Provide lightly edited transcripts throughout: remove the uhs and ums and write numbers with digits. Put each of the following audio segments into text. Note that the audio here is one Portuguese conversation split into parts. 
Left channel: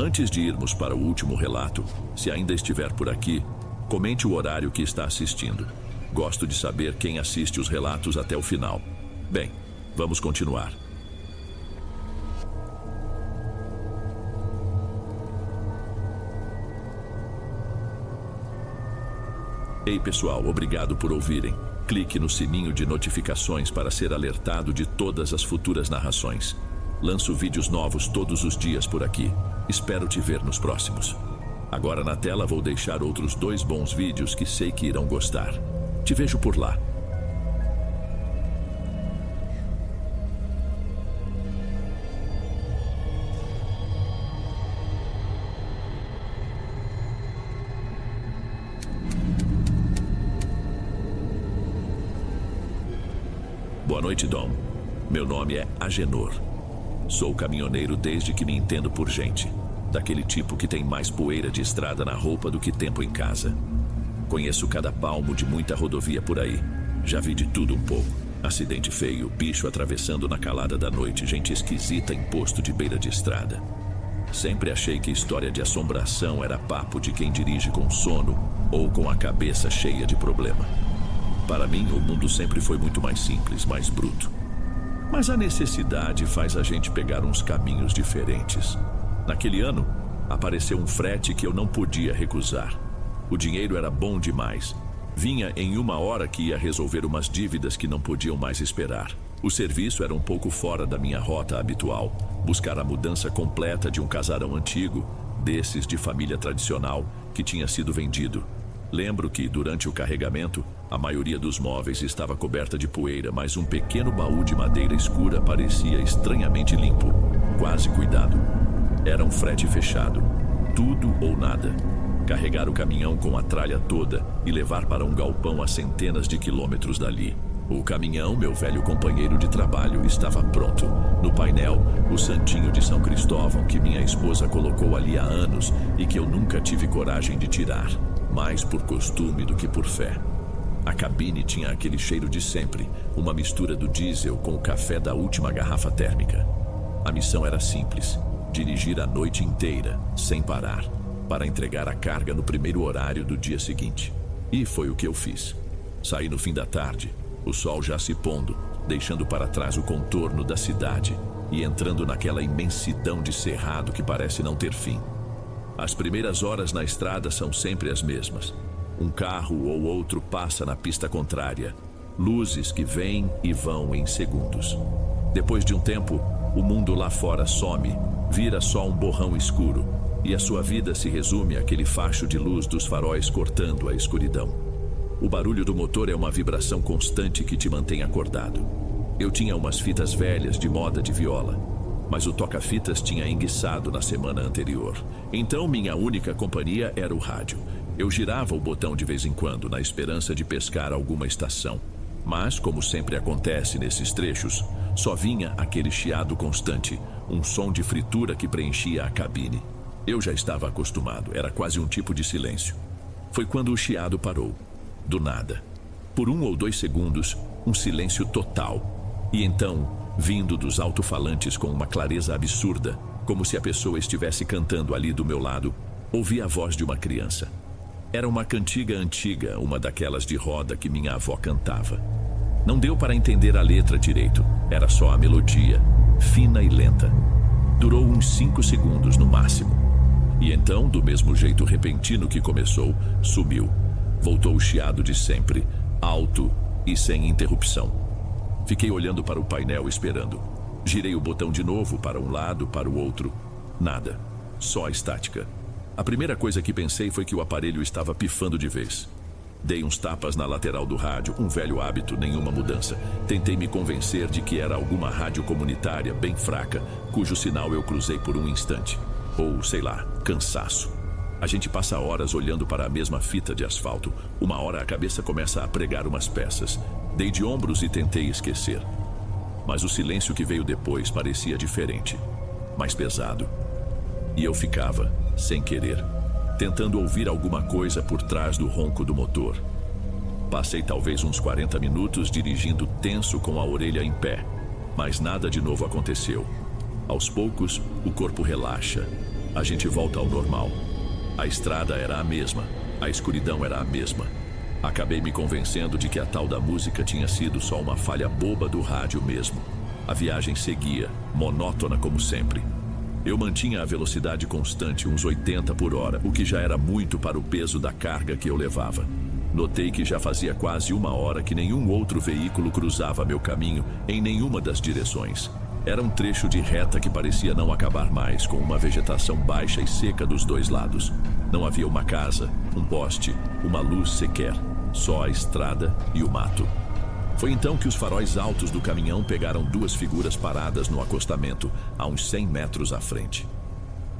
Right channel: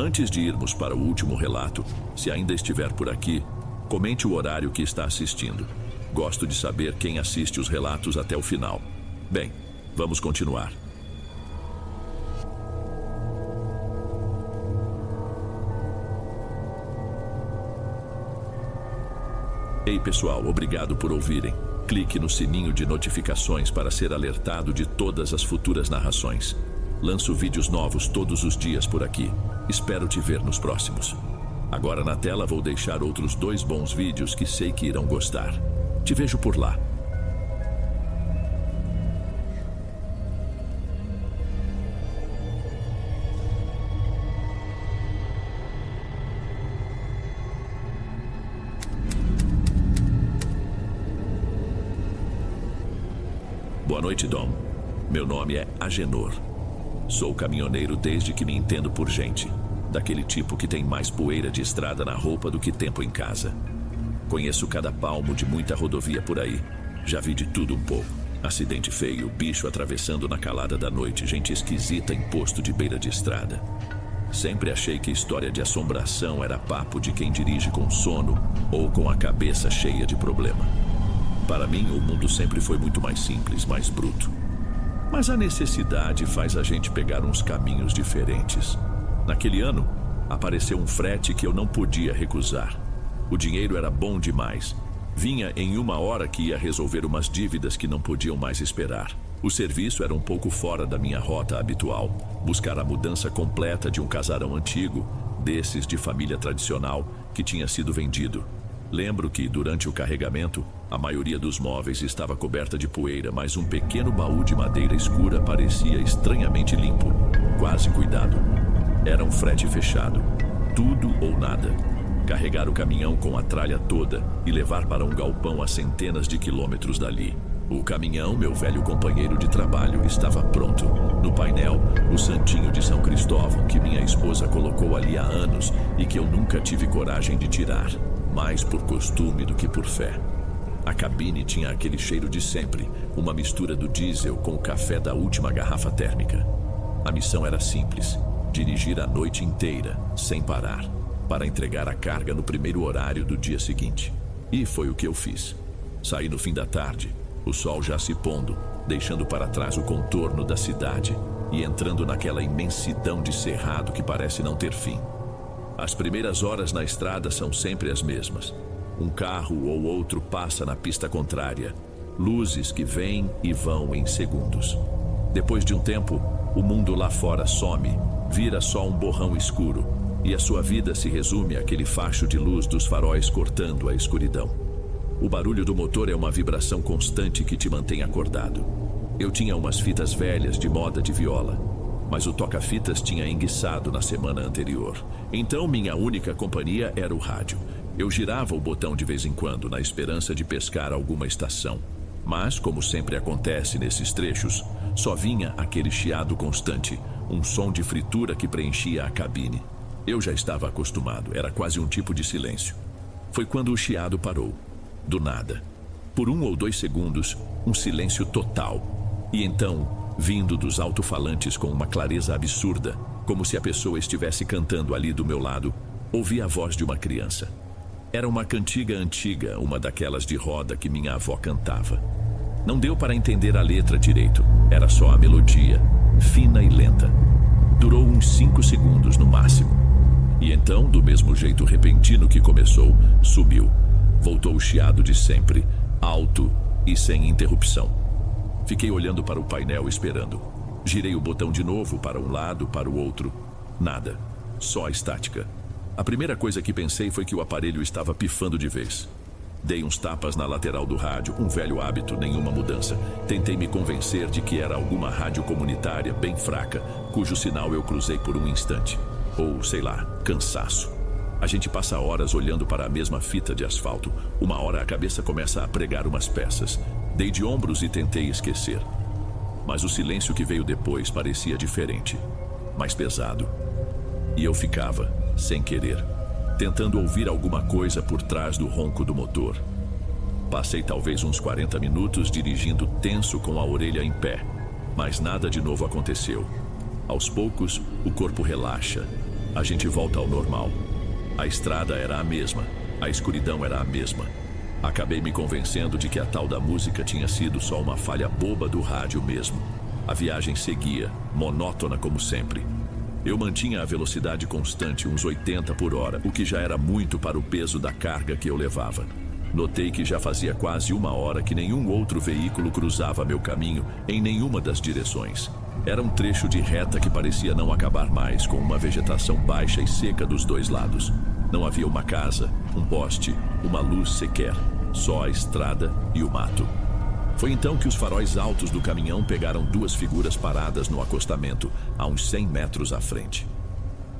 Antes de irmos para o último relato, se ainda estiver por aqui, comente o horário que está assistindo. Gosto de saber quem assiste os relatos até o final. Bem, vamos continuar. Ei pessoal, obrigado por ouvirem. Clique no sininho de notificações para ser alertado de todas as futuras narrações. Lanço vídeos novos todos os dias por aqui. Espero te ver nos próximos. Agora na tela vou deixar outros 2 bons vídeos que sei que irão gostar. Te vejo por lá. Boa noite, Dom. Meu nome é Agenor. Sou caminhoneiro desde que me entendo por gente. Daquele tipo que tem mais poeira de estrada na roupa do que tempo em casa. Conheço cada palmo de muita rodovia por aí. Já vi de tudo um pouco. Acidente feio, bicho atravessando na calada da noite, gente esquisita em posto de beira de estrada. Sempre achei que história de assombração era papo de quem dirige com sono ou com a cabeça cheia de problema. Para mim, o mundo sempre foi muito mais simples, mais bruto. Mas a necessidade faz a gente pegar uns caminhos diferentes. Naquele ano, apareceu um frete que eu não podia recusar. O dinheiro era bom demais. Vinha em 1 hora que ia resolver umas dívidas que não podiam mais esperar. O serviço era um pouco fora da minha rota habitual. Buscar a mudança completa de um casarão antigo, desses de família tradicional, que tinha sido vendido. Lembro que, durante o carregamento, a maioria dos móveis estava coberta de poeira, mas um pequeno baú de madeira escura parecia estranhamente limpo. Quase cuidado. Era um frete fechado. Tudo ou nada. Carregar o caminhão com a tralha toda e levar para um galpão a centenas de quilômetros dali. O caminhão, meu velho companheiro de trabalho, estava pronto. No painel, o santinho de São Cristóvão que minha esposa colocou ali há anos e que eu nunca tive coragem de tirar. Mais por costume do que por fé. A cabine tinha aquele cheiro de sempre, uma mistura do diesel com o café da última garrafa térmica. A missão era simples: dirigir a noite inteira, sem parar, para entregar a carga no primeiro horário do dia seguinte. E foi o que eu fiz. Saí no fim da tarde, o sol já se pondo, deixando para trás o contorno da cidade e entrando naquela imensidão de cerrado que parece não ter fim. As primeiras horas na estrada são sempre as mesmas. Um carro ou outro passa na pista contrária. Luzes que vêm e vão em segundos. Depois de um tempo, o mundo lá fora some, vira só um borrão escuro, e a sua vida se resume àquele facho de luz dos faróis cortando a escuridão. O barulho do motor é uma vibração constante que te mantém acordado. Eu tinha umas fitas velhas de moda de viola, mas o toca-fitas tinha enguiçado na semana anterior. Então minha única companhia era o rádio. Eu girava o botão de vez em quando, na esperança de pescar alguma estação. Mas, como sempre acontece nesses trechos, só vinha aquele chiado constante, um som de fritura que preenchia a cabine. Eu já estava acostumado, era quase um tipo de silêncio. Foi quando o chiado parou. Do nada. Por 1 ou 2 segundos, um silêncio total. E então, vindo dos alto-falantes com uma clareza absurda, como se a pessoa estivesse cantando ali do meu lado, ouvi a voz de uma criança. Era uma cantiga antiga, uma daquelas de roda que minha avó cantava. Não deu para entender a letra direito, era só a melodia, fina e lenta. Durou uns 5 segundos no máximo. E então, do mesmo jeito repentino que começou, sumiu. Voltou o chiado de sempre, alto e sem interrupção. Fiquei olhando para o painel esperando. Girei o botão de novo para um lado, para o outro. Nada. Só a estática. A primeira coisa que pensei foi que o aparelho estava pifando de vez. Dei uns tapas na lateral do rádio, um velho hábito, nenhuma mudança. Tentei me convencer de que era alguma rádio comunitária bem fraca, cujo sinal eu cruzei por um instante. Ou, sei lá, cansaço. A gente passa horas olhando para a mesma fita de asfalto. Uma hora a cabeça começa a pregar umas peças. Dei de ombros e tentei esquecer. Mas o silêncio que veio depois parecia diferente, mais pesado. E eu ficava, sem querer, tentando ouvir alguma coisa por trás do ronco do motor. Passei talvez uns 40 minutos dirigindo tenso com a orelha em pé, mas nada de novo aconteceu. Aos poucos, o corpo relaxa, A gente volta ao normal. A estrada era a mesma, a escuridão era a mesma. Acabei me convencendo de que a tal da música tinha sido só uma falha boba do rádio mesmo. A viagem seguia, monótona como sempre. Eu mantinha a velocidade constante, uns 80 por hora, o que já era muito para o peso da carga que eu levava. Notei que já fazia quase 1 hora que nenhum outro veículo cruzava meu caminho em nenhuma das direções. Era um trecho de reta que parecia não acabar mais, com uma vegetação baixa e seca dos dois lados. Não havia uma casa, um poste, uma luz sequer, só a estrada e o mato. Foi então que os faróis altos do caminhão pegaram 2 figuras paradas no acostamento, a uns 100 metros à frente.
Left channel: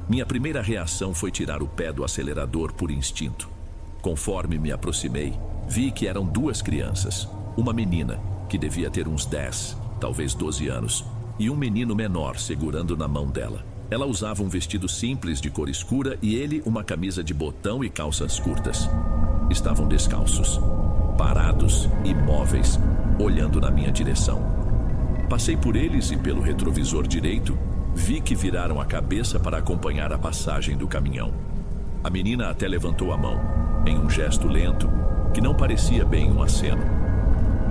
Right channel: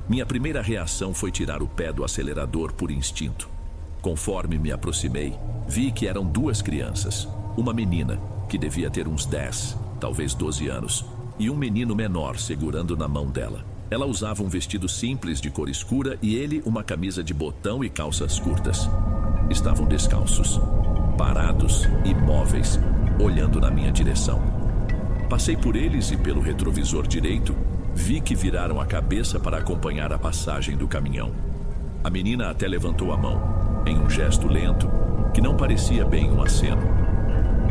Minha primeira reação foi tirar o pé do acelerador por instinto. Conforme me aproximei, vi que eram 2 crianças. Uma menina, que devia ter uns 10, talvez 12 anos, e um menino menor segurando na mão dela. Ela usava um vestido simples de cor escura e ele uma camisa de botão e calças curtas. Estavam descalços, parados, imóveis, olhando na minha direção. Passei por eles e pelo retrovisor direito, vi que viraram a cabeça para acompanhar a passagem do caminhão. A menina até levantou a mão, em um gesto lento, que não parecia bem um aceno.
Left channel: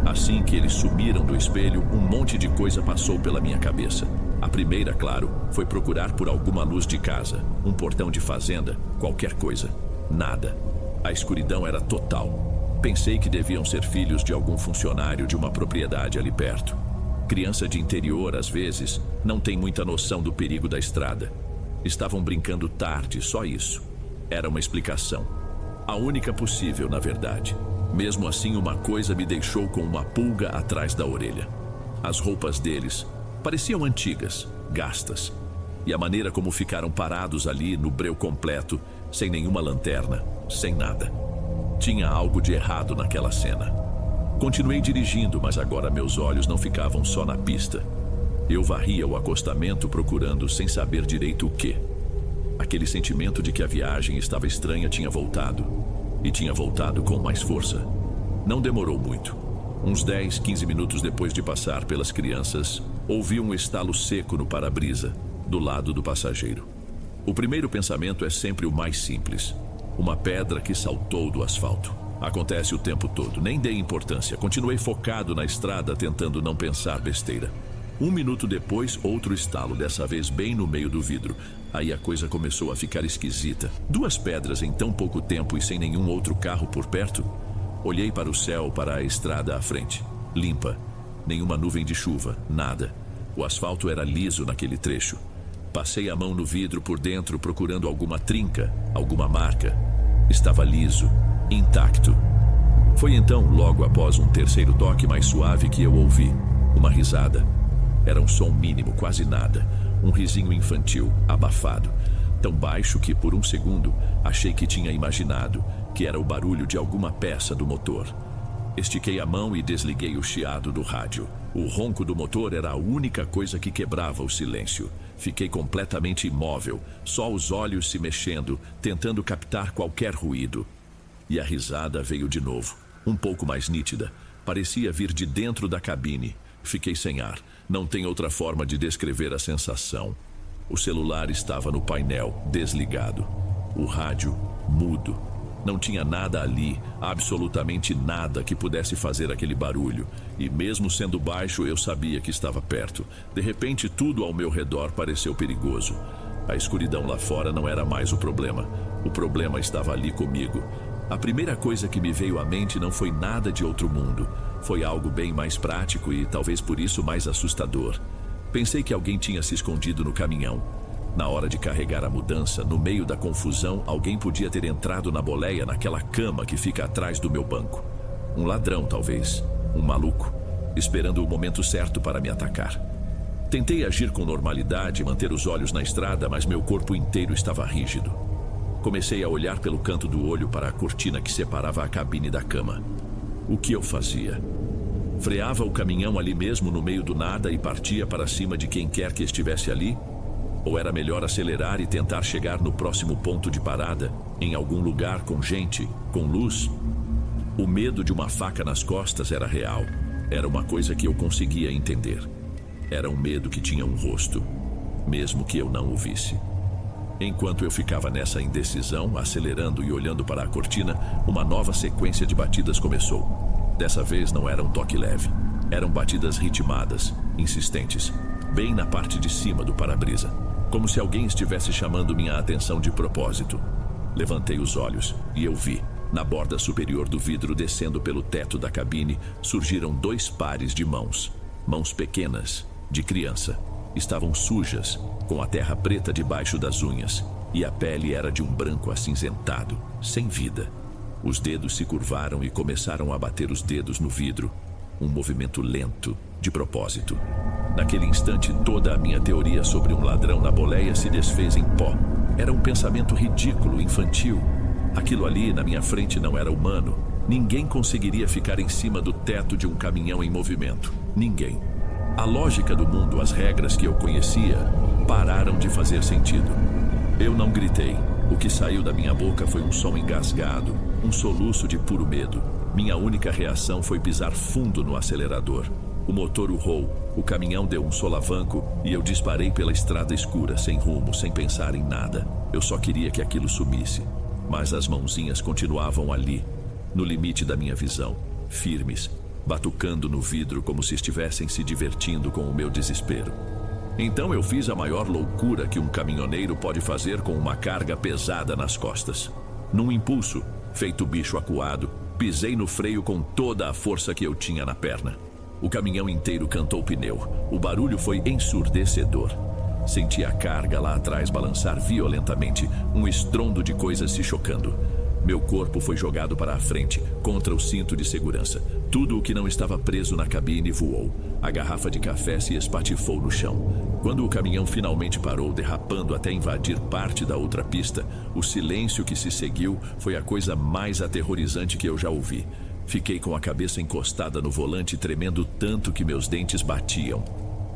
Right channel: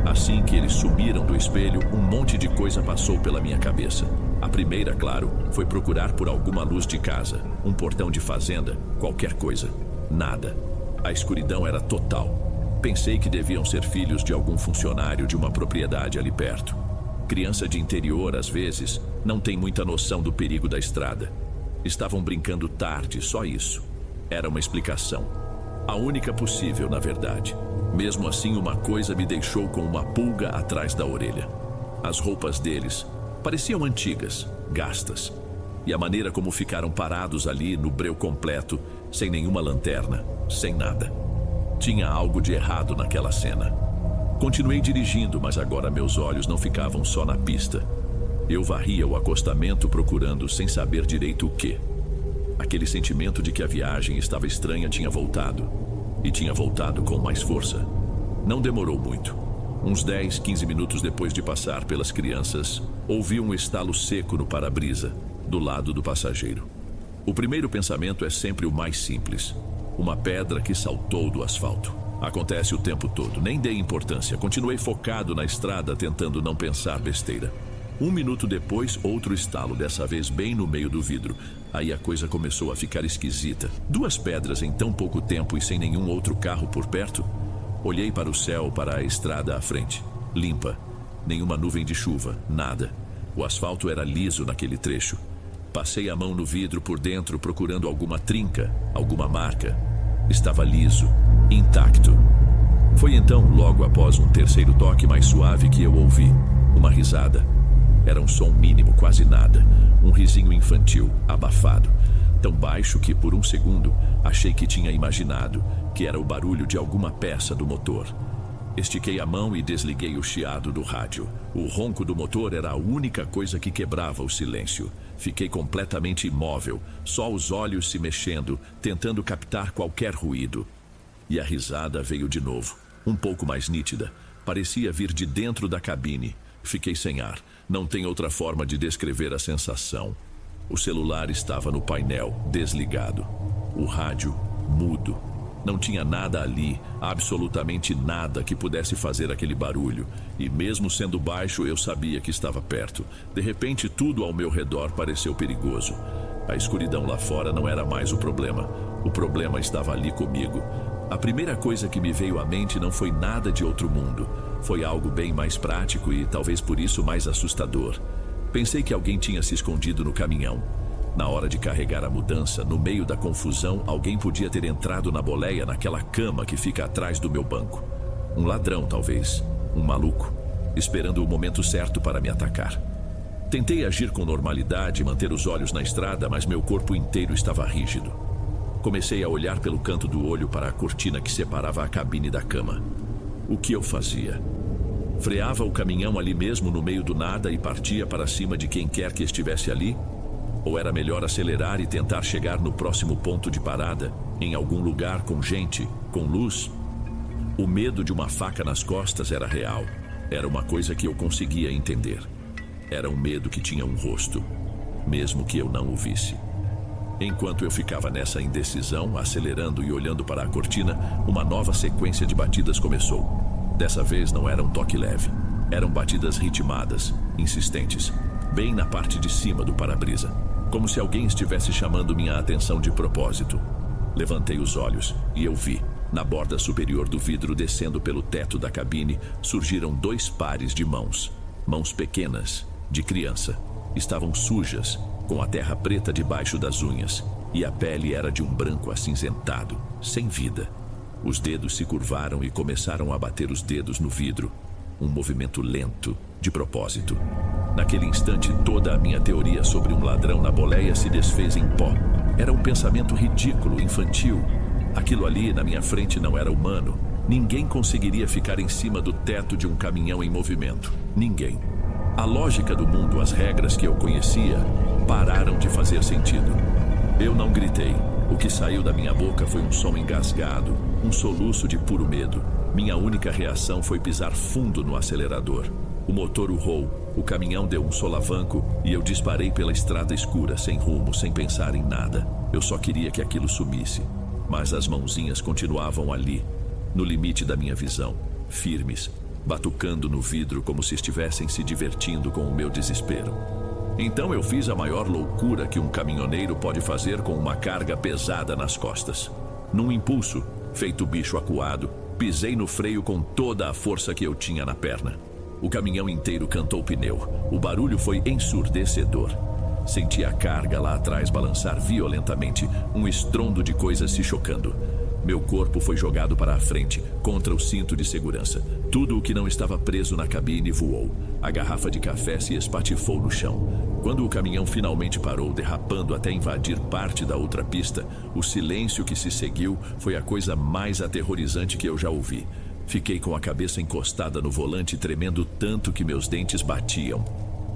Assim que eles sumiram do espelho, um monte de coisa passou pela minha cabeça. A primeira, claro, foi procurar por alguma luz de casa, um portão de fazenda, qualquer coisa. Nada. A escuridão era total. Pensei que deviam ser filhos de algum funcionário de uma propriedade ali perto. Criança de interior, às vezes, não tem muita noção do perigo da estrada. Estavam brincando tarde, só isso. Era uma explicação. A única possível, na verdade. Mesmo assim, uma coisa me deixou com uma pulga atrás da orelha. As roupas deles pareciam antigas, gastas. E a maneira como ficaram parados ali no breu completo, sem nenhuma lanterna, sem nada. Tinha algo de errado naquela cena. Continuei dirigindo, mas agora meus olhos não ficavam só na pista. Eu varria o acostamento procurando, sem saber direito o quê. Aquele sentimento de que a viagem estava estranha tinha voltado. E tinha voltado com mais força. Não demorou muito. Uns 10, 15 minutos depois de passar pelas crianças, ouvi um estalo seco no para-brisa, do lado do passageiro. O primeiro pensamento é sempre o mais simples. Uma pedra que saltou do asfalto. Acontece o tempo todo, nem dei importância. Continuei focado na estrada, tentando não pensar besteira. 1 minuto depois, outro estalo, dessa vez bem no meio do vidro. Aí a coisa começou a ficar esquisita. 2 pedras em tão pouco tempo e sem nenhum outro carro por perto. Olhei para o céu, para a estrada à frente. Limpa. Nenhuma nuvem de chuva, nada. O asfalto era liso naquele trecho. Passei a mão no vidro por dentro procurando alguma trinca, alguma marca. Estava liso, intacto. Foi então, logo após um terceiro toque mais suave, que eu ouvi uma risada. Era um som mínimo, quase nada. Um risinho infantil, abafado. Tão baixo que, por um segundo, achei que tinha imaginado que era o barulho de alguma peça do motor. Estiquei a mão e desliguei o chiado do rádio. O ronco do motor era a única coisa que quebrava o silêncio. Fiquei completamente imóvel, só os olhos se mexendo, tentando captar qualquer ruído. E a risada veio de novo, um pouco mais nítida. Parecia vir de dentro da cabine. Fiquei sem ar. Não tem outra forma de descrever a sensação. O celular estava no painel, desligado. O rádio, mudo. Não tinha nada ali, absolutamente nada que pudesse fazer aquele barulho. E mesmo sendo baixo, eu sabia que estava perto. De repente, tudo ao meu redor pareceu perigoso. A escuridão lá fora não era mais o problema. O problema estava ali comigo. A primeira coisa que me veio à mente não foi nada de outro mundo. Foi algo bem mais prático e talvez por isso mais assustador. Pensei que alguém tinha se escondido no caminhão. Na hora de carregar a mudança, no meio da confusão, alguém podia ter entrado na boleia naquela cama que fica atrás do meu banco. Um ladrão, talvez. Um maluco. Esperando o momento certo para me atacar. Tentei agir com normalidade, manter os olhos na estrada, mas meu corpo inteiro estava rígido. Comecei a olhar pelo canto do olho para a cortina que separava a cabine da cama. O que eu fazia? Freava o caminhão ali mesmo no meio do nada e partia para cima de quem quer que estivesse ali? Ou era melhor acelerar e tentar chegar no próximo ponto de parada, em algum lugar com gente, com luz? O medo de uma faca nas costas era real. Era uma coisa que eu conseguia entender. Era um medo que tinha um rosto, mesmo que eu não o visse. Enquanto eu ficava nessa indecisão, acelerando e olhando para a cortina, uma nova sequência de batidas começou. Dessa vez não era um toque leve. Eram batidas ritmadas, insistentes, bem na parte de cima do para-brisa, como se alguém estivesse chamando minha atenção de propósito. Levantei os olhos e eu vi, na borda superior do vidro descendo pelo teto da cabine, surgiram 2 pares de mãos. Mãos pequenas, de criança. Estavam sujas, com a terra preta debaixo das unhas, e a pele era de um branco acinzentado, sem vida. Os dedos se curvaram e começaram a bater os dedos no vidro. Um movimento lento, de propósito. Naquele instante, toda a minha teoria sobre um ladrão na boleia se desfez em pó. Era um pensamento ridículo, infantil. Aquilo ali na minha frente não era humano. Ninguém conseguiria ficar em cima do teto de um caminhão em movimento. Ninguém. A lógica do mundo, as regras que eu conhecia, pararam de fazer sentido. Eu não gritei. O que saiu da minha boca foi um som engasgado, um soluço de puro medo. Minha única reação foi pisar fundo no acelerador. O motor urrou, o caminhão deu um solavanco e eu disparei pela estrada escura, sem rumo, sem pensar em nada. Eu só queria que aquilo sumisse. Mas as mãozinhas continuavam ali, no limite da minha visão, firmes, batucando no vidro como se estivessem se divertindo com o meu desespero. Então eu fiz a maior loucura que um caminhoneiro pode fazer com uma carga pesada nas costas. Num impulso, feito bicho acuado, pisei no freio com toda a força que eu tinha na perna. O caminhão inteiro cantou pneu. O barulho foi ensurdecedor. Senti a carga lá atrás balançar violentamente, um estrondo de coisas se chocando. Meu corpo foi jogado para a frente, contra o cinto de segurança. Tudo o que não estava preso na cabine voou. A garrafa de café se espatifou no chão. Quando o caminhão finalmente parou, derrapando até invadir parte da outra pista, o silêncio que se seguiu foi a coisa mais aterrorizante que eu já ouvi. Fiquei com a cabeça encostada no volante, tremendo tanto que meus dentes batiam.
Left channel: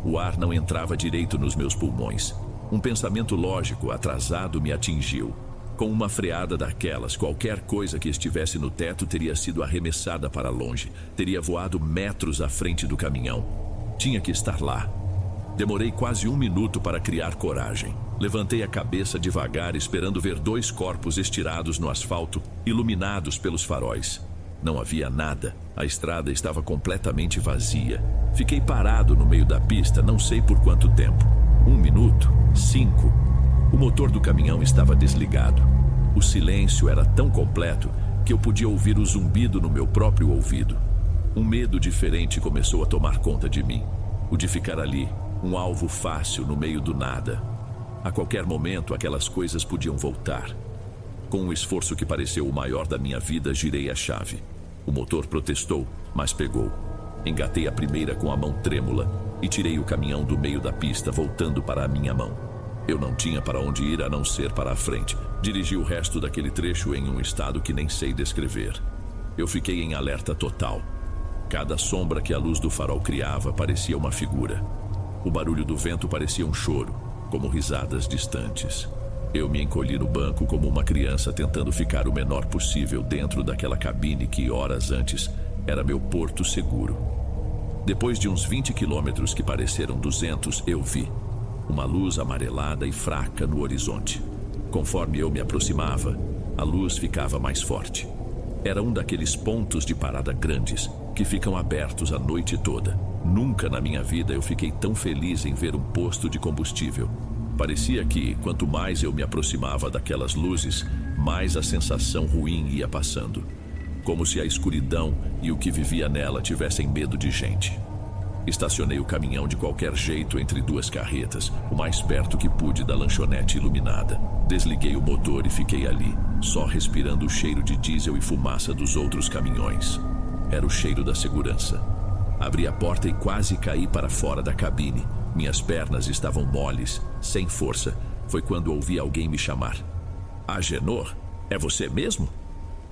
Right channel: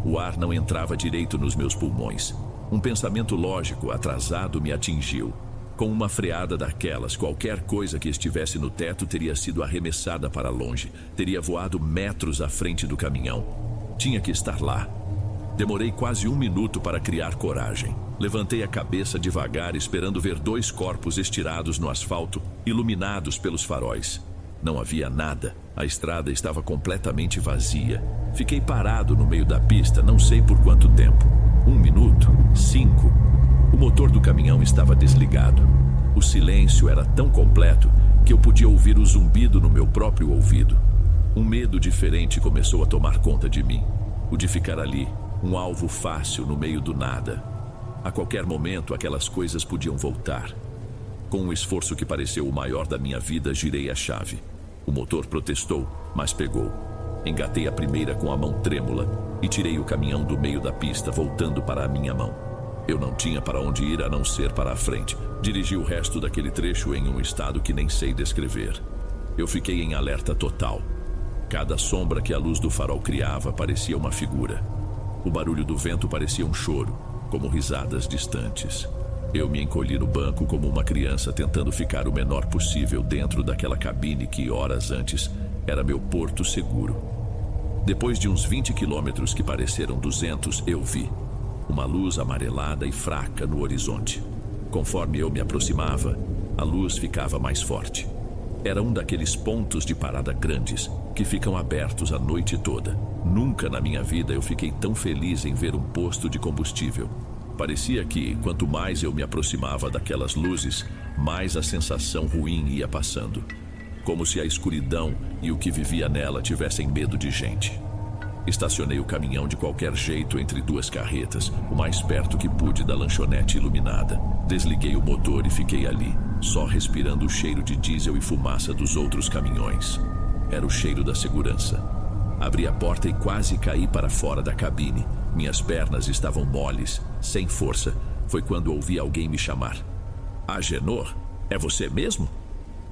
O ar não entrava direito nos meus pulmões. Um pensamento lógico, atrasado, me atingiu. Com uma freada daquelas, qualquer coisa que estivesse no teto teria sido arremessada para longe, teria voado metros à frente do caminhão. Tinha que estar lá. Demorei quase 1 minuto para criar coragem. Levantei a cabeça devagar, esperando ver 2 corpos estirados no asfalto, iluminados pelos faróis. Não havia nada. A estrada estava completamente vazia. Fiquei parado no meio da pista, não sei por quanto tempo. 1 minuto? 5? O motor do caminhão estava desligado. O silêncio era tão completo que eu podia ouvir o zumbido no meu próprio ouvido. Um medo diferente começou a tomar conta de mim. O de ficar ali, um alvo fácil no meio do nada. A qualquer momento, aquelas coisas podiam voltar. Com um esforço que pareceu o maior da minha vida, girei a chave. O motor protestou, mas pegou. Engatei a primeira com a mão trêmula e tirei o caminhão do meio da pista, voltando para a minha mão. Eu não tinha para onde ir a não ser para a frente. Dirigi o resto daquele trecho em um estado que nem sei descrever. Eu fiquei em alerta total. Cada sombra que a luz do farol criava parecia uma figura. O barulho do vento parecia um choro, como risadas distantes. Eu me encolhi no banco como uma criança tentando ficar o menor possível dentro daquela cabine que horas antes era meu porto seguro. Depois de uns 20 quilômetros que pareceram 200, eu vi uma luz amarelada e fraca no horizonte. Conforme eu me aproximava, a luz ficava mais forte. Era um daqueles pontos de parada grandes que ficam abertos a noite toda. Nunca na minha vida eu fiquei tão feliz em ver um posto de combustível. Parecia que, quanto mais eu me aproximava daquelas luzes, mais a sensação ruim ia passando. Como se a escuridão e o que vivia nela tivessem medo de gente. Estacionei o caminhão de qualquer jeito entre 2 carretas, o mais perto que pude da lanchonete iluminada. Desliguei o motor e fiquei ali, só respirando o cheiro de diesel e fumaça dos outros caminhões. Era o cheiro da segurança. Abri a porta e quase caí para fora da cabine. Minhas pernas estavam moles, sem força. Foi quando ouvi alguém me chamar. Agenor, é você mesmo?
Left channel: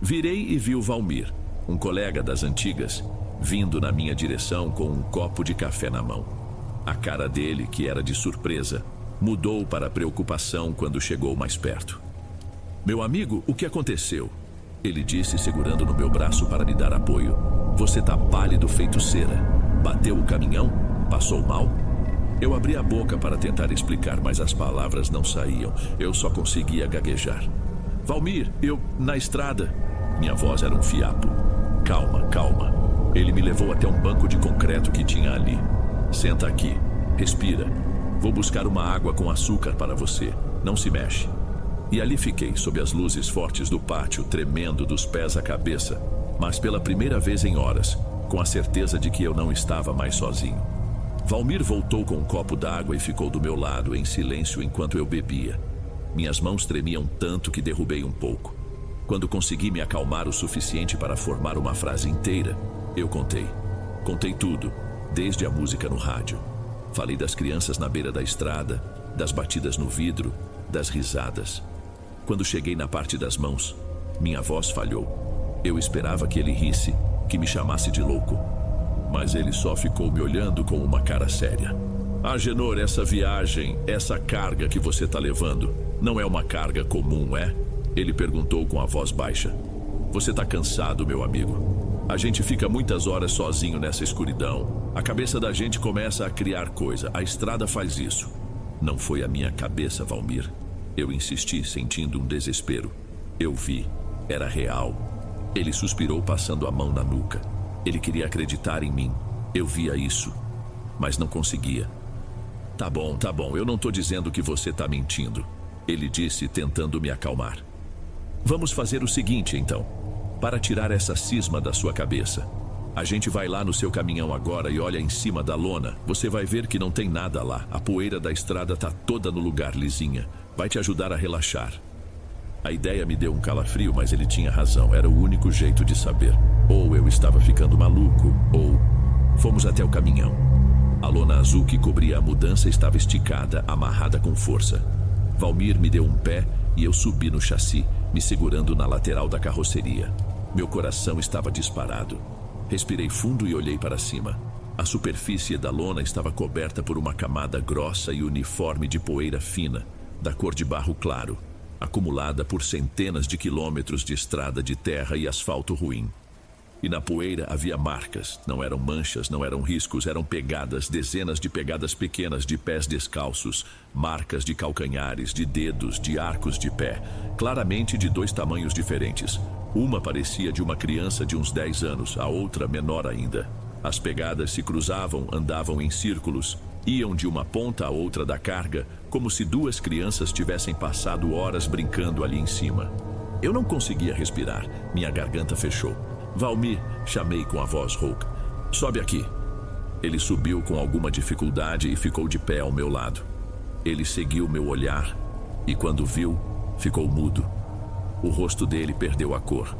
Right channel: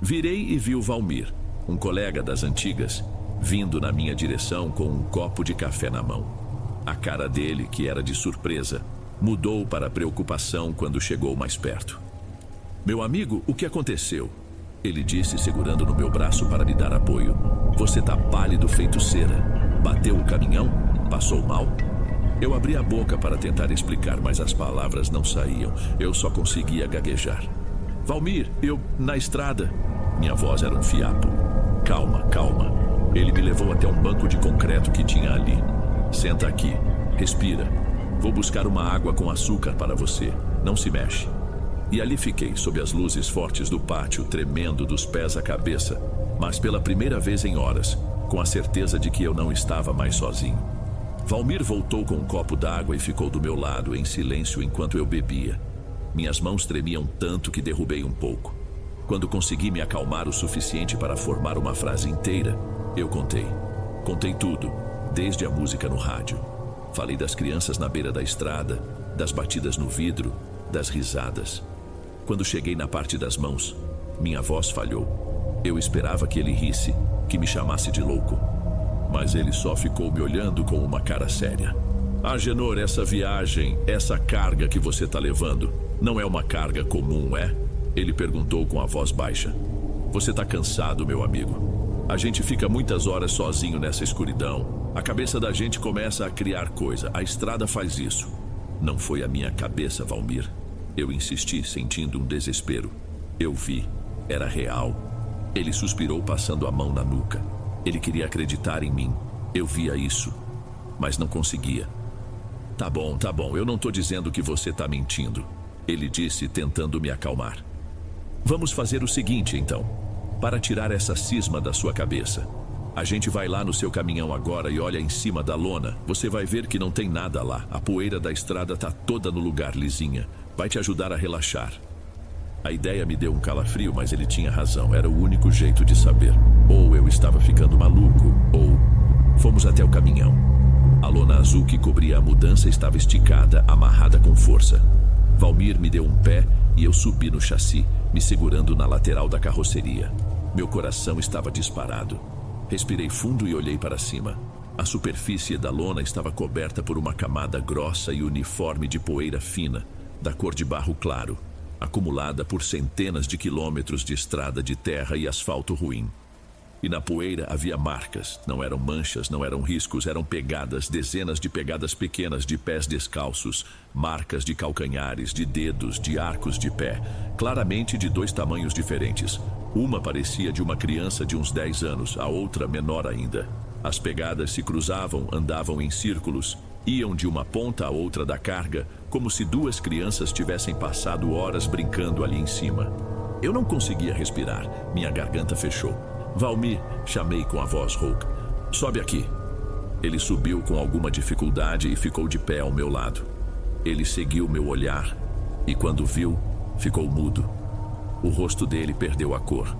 Virei e vi o Valmir, um colega das antigas, vindo na minha direção com um copo de café na mão. A cara dele, que era de surpresa, mudou para preocupação quando chegou mais perto. Meu amigo, o que aconteceu? Ele disse, segurando no meu braço para me dar apoio. Você tá pálido feito cera. Bateu o caminhão? Passou mal? Eu abri a boca para tentar explicar, mas as palavras não saíam. Eu só conseguia gaguejar. Valmir, na estrada. Minha voz era um fiapo. Calma, calma. Ele me levou até um banco de concreto que tinha ali. Senta aqui, respira. Vou buscar uma água com açúcar para você. Não se mexe. E ali fiquei, sob as luzes fortes do pátio, tremendo dos pés à cabeça, mas pela primeira vez em horas, com a certeza de que eu não estava mais sozinho. Valmir voltou com um copo d'água e ficou do meu lado, em silêncio, enquanto eu bebia. Minhas mãos tremiam tanto que derrubei um pouco. Quando consegui me acalmar o suficiente para formar uma frase inteira, eu contei. Contei tudo, desde a música no rádio. Falei das crianças na beira da estrada, das batidas no vidro, das risadas. Quando cheguei na parte das mãos, minha voz falhou. Eu esperava que ele risse, que me chamasse de louco. Mas ele só ficou me olhando com uma cara séria. Agenor, essa viagem, essa carga que você está levando, não é uma carga comum, é? Ele perguntou com a voz baixa. Você está cansado, meu amigo. A gente fica muitas horas sozinho nessa escuridão. A cabeça da gente começa a criar coisa. A estrada faz isso. Não foi a minha cabeça, Valmir. Eu insisti, sentindo um desespero. Eu vi. Era real. Ele suspirou, passando a mão na nuca. Ele queria acreditar em mim. Eu via isso, mas não conseguia. Tá bom, eu não tô dizendo que você tá mentindo. Ele disse, tentando me acalmar. Vamos fazer o seguinte, então. Para tirar essa cisma da sua cabeça. A gente vai lá no seu caminhão agora e olha em cima da lona. Você vai ver que não tem nada lá. A poeira da estrada tá toda no lugar, lisinha. Vai te ajudar a relaxar. A ideia me deu um calafrio, mas ele tinha razão. Era o único jeito de saber. Ou eu estava ficando maluco, ou... Fomos até o caminhão. A lona azul que cobria a mudança estava esticada, amarrada com força. Valmir me deu um pé e eu subi no chassi, me segurando na lateral da carroceria. Meu coração estava disparado. Respirei fundo e olhei para cima. A superfície da lona estava coberta por uma camada grossa e uniforme de poeira fina, da cor de barro claro, acumulada por centenas de quilômetros de estrada de terra e asfalto ruim. E na poeira havia marcas, não eram manchas, não eram riscos, eram pegadas, dezenas de pegadas pequenas de pés descalços, marcas de calcanhares, de dedos, de arcos de pé, claramente de dois tamanhos diferentes. Uma parecia de uma criança de uns 10 anos, a outra menor ainda. As pegadas se cruzavam, andavam em círculos, iam de uma ponta à outra da carga, como se duas crianças tivessem passado horas brincando ali em cima. Eu não conseguia respirar, minha garganta fechou. Valmir, chamei com a voz rouca. Sobe aqui. Ele subiu com alguma dificuldade e ficou de pé ao meu lado. Ele seguiu meu olhar e, quando viu, ficou mudo. O rosto dele perdeu a cor.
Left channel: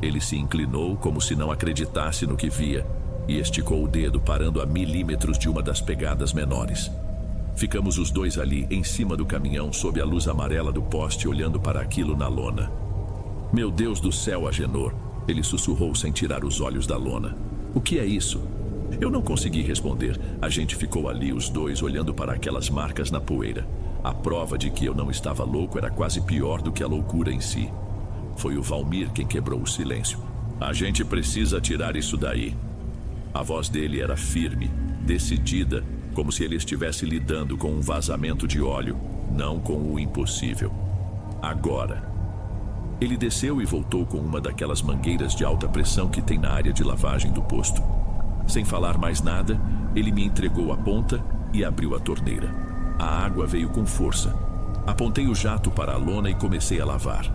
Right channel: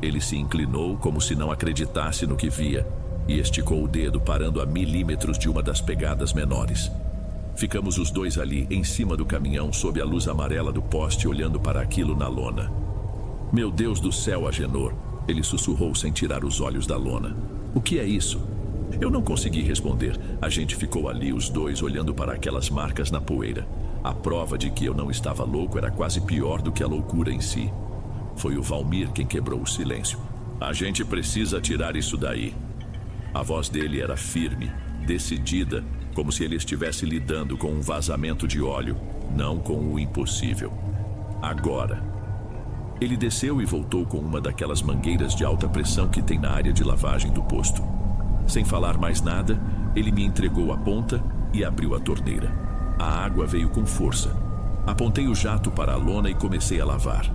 Ele se inclinou como se não acreditasse no que via e esticou o dedo, parando a milímetros de uma das pegadas menores. Ficamos os dois ali, em cima do caminhão, sob a luz amarela do poste, olhando para aquilo na lona. Meu Deus do céu, Agenor! Ele sussurrou sem tirar os olhos da lona. O que é isso? Eu não consegui responder. A gente ficou ali, os dois, olhando para aquelas marcas na poeira. A prova de que eu não estava louco era quase pior do que a loucura em si. Foi o Valmir quem quebrou o silêncio. A gente precisa tirar isso daí. A voz dele era firme, decidida, como se ele estivesse lidando com um vazamento de óleo, não com o impossível. Agora. Ele desceu e voltou com uma daquelas mangueiras de alta pressão que tem na área de lavagem do posto. Sem falar mais nada, ele me entregou a ponta e abriu a torneira. A água veio com força. Apontei o jato para a lona e comecei a lavar.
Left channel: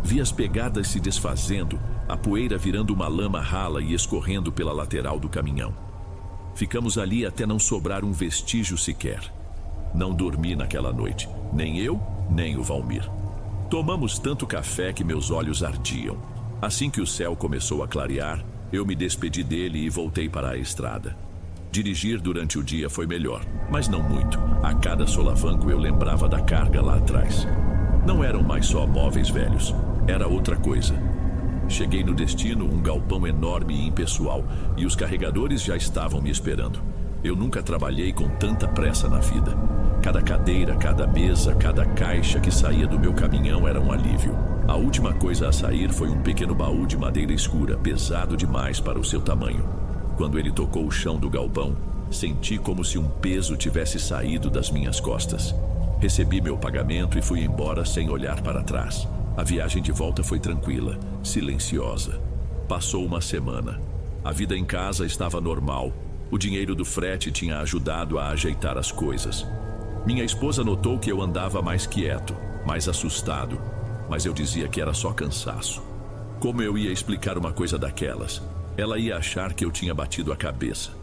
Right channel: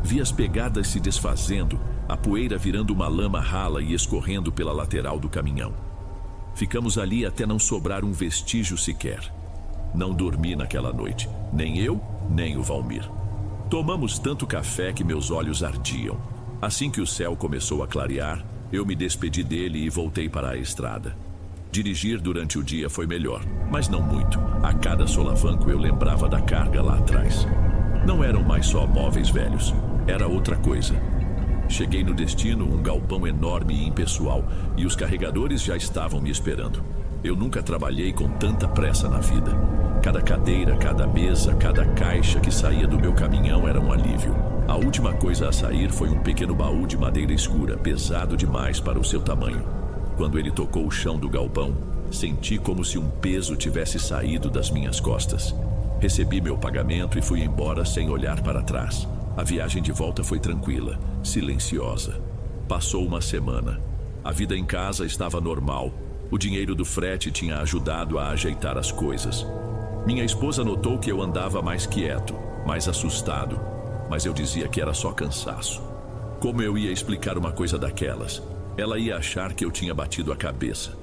Vi as pegadas se desfazendo, a poeira virando uma lama rala e escorrendo pela lateral do caminhão. Ficamos ali até não sobrar um vestígio sequer. Não dormi naquela noite, nem eu, nem o Valmir. Tomamos tanto café que meus olhos ardiam. Assim que o céu começou a clarear, eu me despedi dele e voltei para a estrada. Dirigir durante o dia foi melhor, mas não muito. A cada solavanco eu lembrava da carga lá atrás. Não eram mais só móveis velhos, era outra coisa. Cheguei no destino, um galpão enorme e impessoal, e os carregadores já estavam me esperando. Eu nunca trabalhei com tanta pressa na vida. Cada cadeira, cada mesa, cada caixa que saía do meu caminhão era um alívio. A última coisa a sair foi um pequeno baú de madeira escura, pesado demais para o seu tamanho. Quando ele tocou o chão do galpão, Senti como se um peso tivesse saído das minhas costas. Recebi meu pagamento e fui embora sem olhar para trás. A viagem de volta foi tranquila, silenciosa. Passou uma semana. A vida em casa estava normal. O dinheiro do frete tinha ajudado a ajeitar as coisas. Minha esposa notou que eu andava mais quieto, mais assustado, mas eu dizia que era só cansaço. Como eu ia explicar uma coisa daquelas? Ela ia achar que eu tinha batido a cabeça.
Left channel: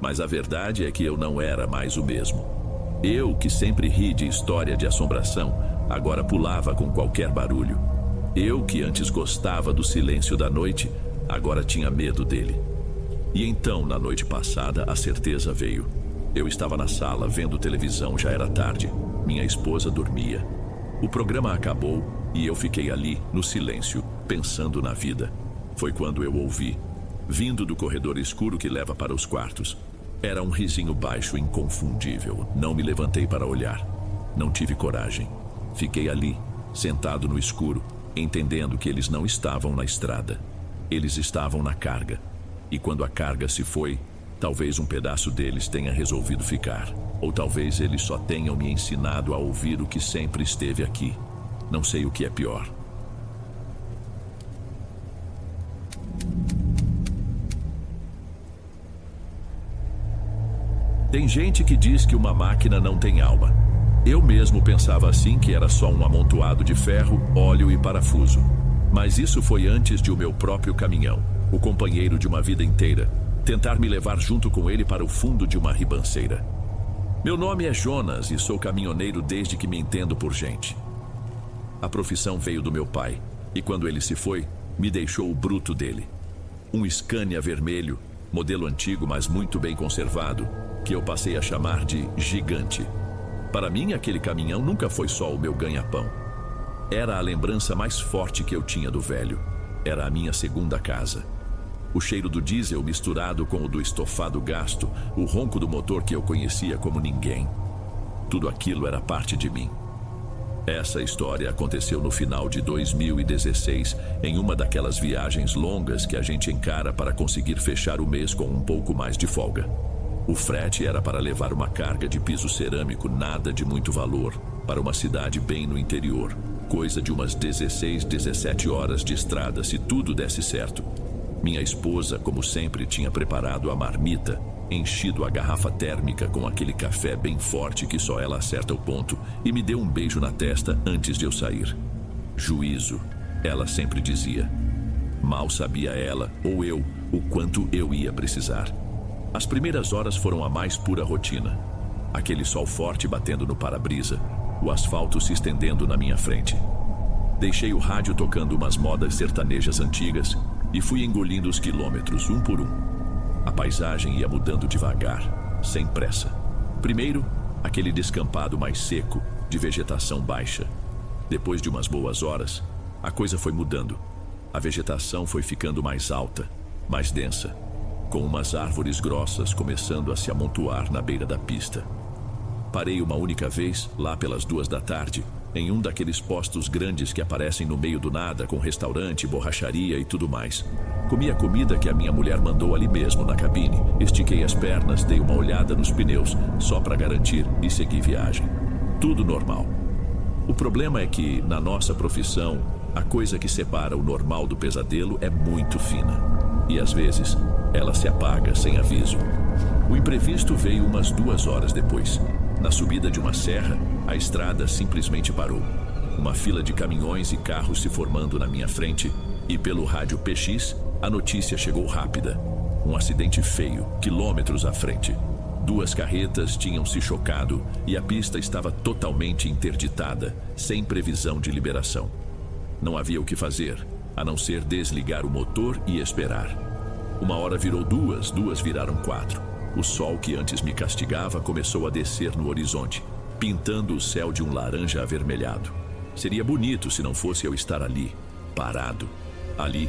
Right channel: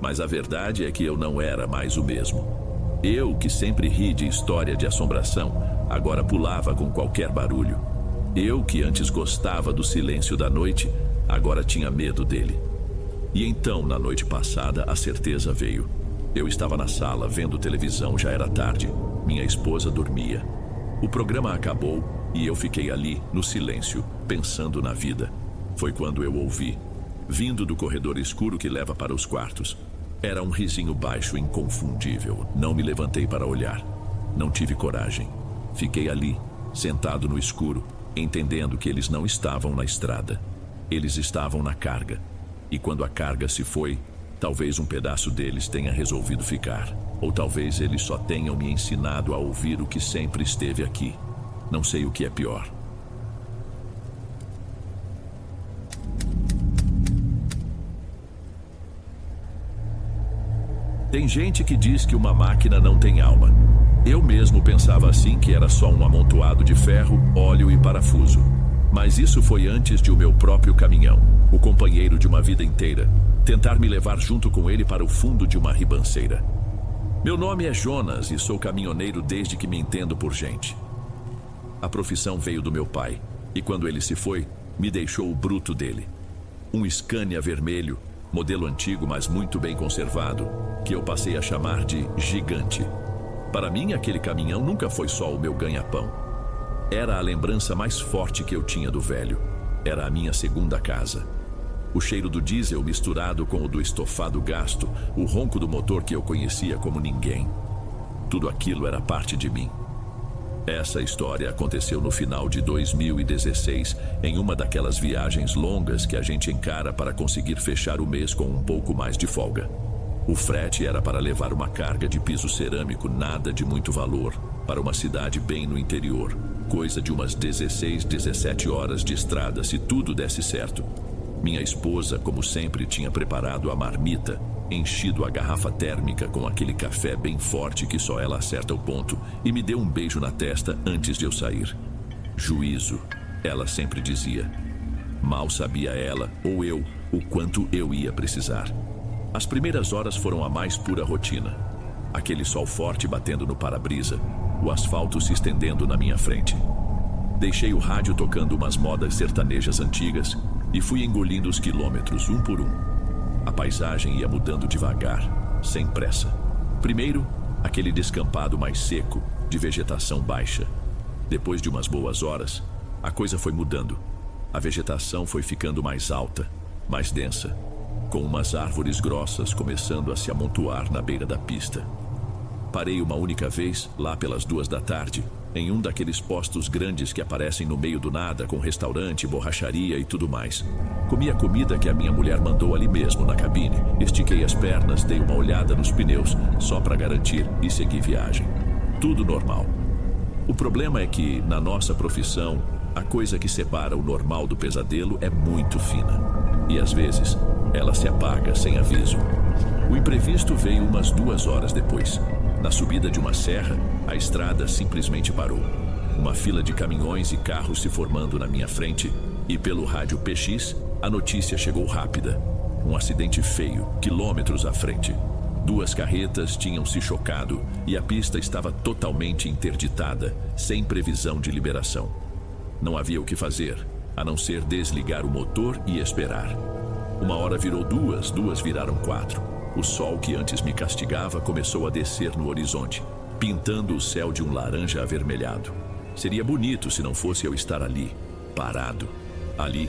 Mas a verdade é que eu não era mais o mesmo. Eu, que sempre ri de história de assombração, agora pulava com qualquer barulho. Eu, que antes gostava do silêncio da noite, agora tinha medo dele. E então, na noite passada, a certeza veio. Eu estava na sala, vendo televisão, já era tarde. Minha esposa dormia. O programa acabou e eu fiquei ali, no silêncio, pensando na vida. Foi quando eu ouvi, vindo do corredor escuro que leva para os quartos. Era um risinho baixo, inconfundível. Não me levantei para olhar. Não tive coragem. Fiquei ali, sentado no escuro, entendendo que eles não estavam na estrada. Eles estavam na carga. E quando a carga se foi, talvez um pedaço deles tenha resolvido ficar. Ou talvez eles só tenham me ensinado a ouvir o que sempre esteve aqui. Não sei o que é pior. Tem gente que diz que uma máquina não tem alma. Eu mesmo pensava assim, que era só um amontoado de ferro, óleo e parafuso. Mas isso foi antes de o meu próprio caminhão, o companheiro de uma vida inteira, tentar me levar junto com ele para o fundo de uma ribanceira. Meu nome é Jonas e sou caminhoneiro desde que me entendo por gente. A profissão veio do meu pai, e quando ele se foi, me deixou o bruto dele. Um Scania vermelho, modelo antigo, mas muito bem conservado, que eu passei a chamar de gigante. Para mim, aquele caminhão nunca foi só o meu ganha-pão. Era a lembrança mais forte que eu tinha do velho. Era a minha segunda casa. O cheiro do diesel misturado com o do estofado gasto, o ronco do motor que eu conhecia como ninguém. Tudo aquilo era parte de mim. Essa história aconteceu no final de 2016, em uma daquelas viagens longas que a gente encara para conseguir fechar o mês com um pouco mais de folga. O frete era para levar uma carga de piso cerâmico, nada de muito valor, para uma cidade bem no interior. Coisa de umas 16, 17 horas de estrada, se tudo desse certo. Minha esposa, como sempre, tinha preparado a marmita, enchido a garrafa térmica com aquele café bem forte que só ela acerta o ponto, e me deu um beijo na testa antes de eu sair. Juízo, ela sempre dizia. Mal sabia ela, ou eu, o quanto eu ia precisar. As primeiras horas foram a mais pura rotina. Aquele sol forte batendo no para-brisa, o asfalto se estendendo na minha frente. Deixei o rádio tocando umas modas sertanejas antigas e fui engolindo os quilômetros, um por um. A paisagem ia mudando devagar, sem pressa. Primeiro, aquele descampado mais seco, de vegetação baixa. Depois de umas boas horas, a coisa foi mudando. A vegetação foi ficando mais alta, mais densa, com umas árvores grossas começando a se amontoar na beira da pista. Parei uma única vez, lá pelas 2 da tarde, em um daqueles postos grandes que aparecem no meio do nada, com restaurante, borracharia e tudo mais. Comi a comida que a minha mulher mandou ali mesmo, na cabine. Estiquei as pernas, dei uma olhada nos pneus, só para garantir, e segui viagem. Tudo normal. O problema é que, na nossa profissão, a coisa que separa o normal do pesadelo é muito fina. E às vezes, ela se apaga sem aviso. O imprevisto veio umas 2 horas depois. Na subida de uma serra, a estrada simplesmente parou. Uma fila de caminhões e carros se formando na minha frente, e pelo rádio PX, a notícia chegou rápida. Um acidente feio, quilômetros à frente. 2 carretas tinham se chocado e a pista estava totalmente interditada, sem previsão de liberação. Não havia o que fazer, a não ser desligar o motor e esperar. 1 hora virou 2, 2 viraram 4. O sol que antes me castigava começou a descer no horizonte, pintando o céu de um laranja avermelhado. Seria bonito se não fosse eu estar ali, parado. Ali,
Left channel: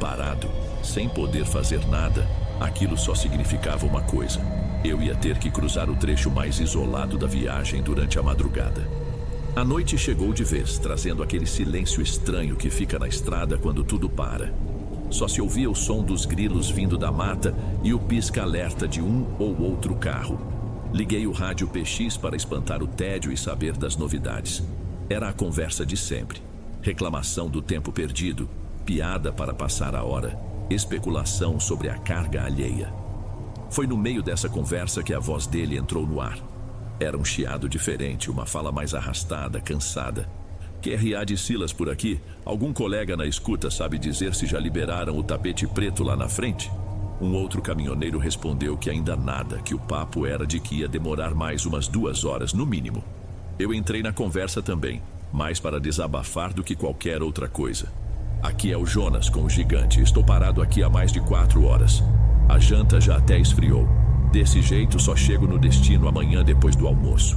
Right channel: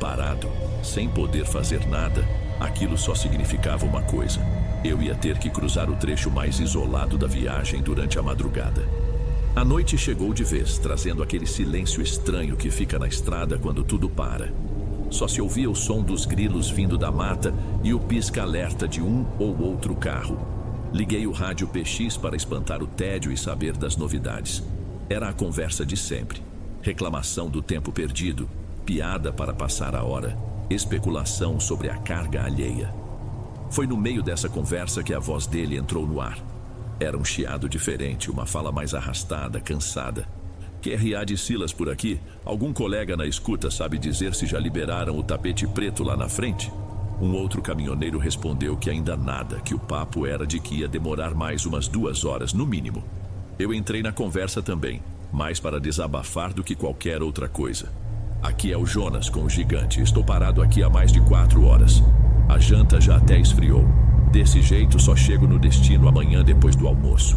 parado, sem poder fazer nada. Aquilo só significava uma coisa. Eu ia ter que cruzar o trecho mais isolado da viagem durante a madrugada. A noite chegou de vez, trazendo aquele silêncio estranho que fica na estrada quando tudo para. Só se ouvia o som dos grilos vindo da mata e o pisca-alerta de um ou outro carro. Liguei o rádio PX para espantar o tédio e saber das novidades. Era a conversa de sempre. Reclamação do tempo perdido, piada para passar a hora, especulação sobre a carga alheia. Foi no meio dessa conversa que a voz dele entrou no ar. Era um chiado diferente, uma fala mais arrastada, cansada. QRA de Silas por aqui? Algum colega na escuta sabe dizer se já liberaram o tapete preto lá na frente? Um outro caminhoneiro respondeu que ainda nada, que o papo era de que ia demorar mais umas 2 horas no mínimo. Eu entrei na conversa também, mais para desabafar do que qualquer outra coisa. Aqui é o Jonas com o gigante, estou parado aqui há mais de 4 horas. A janta já até esfriou. Desse jeito só chego no destino amanhã depois do almoço.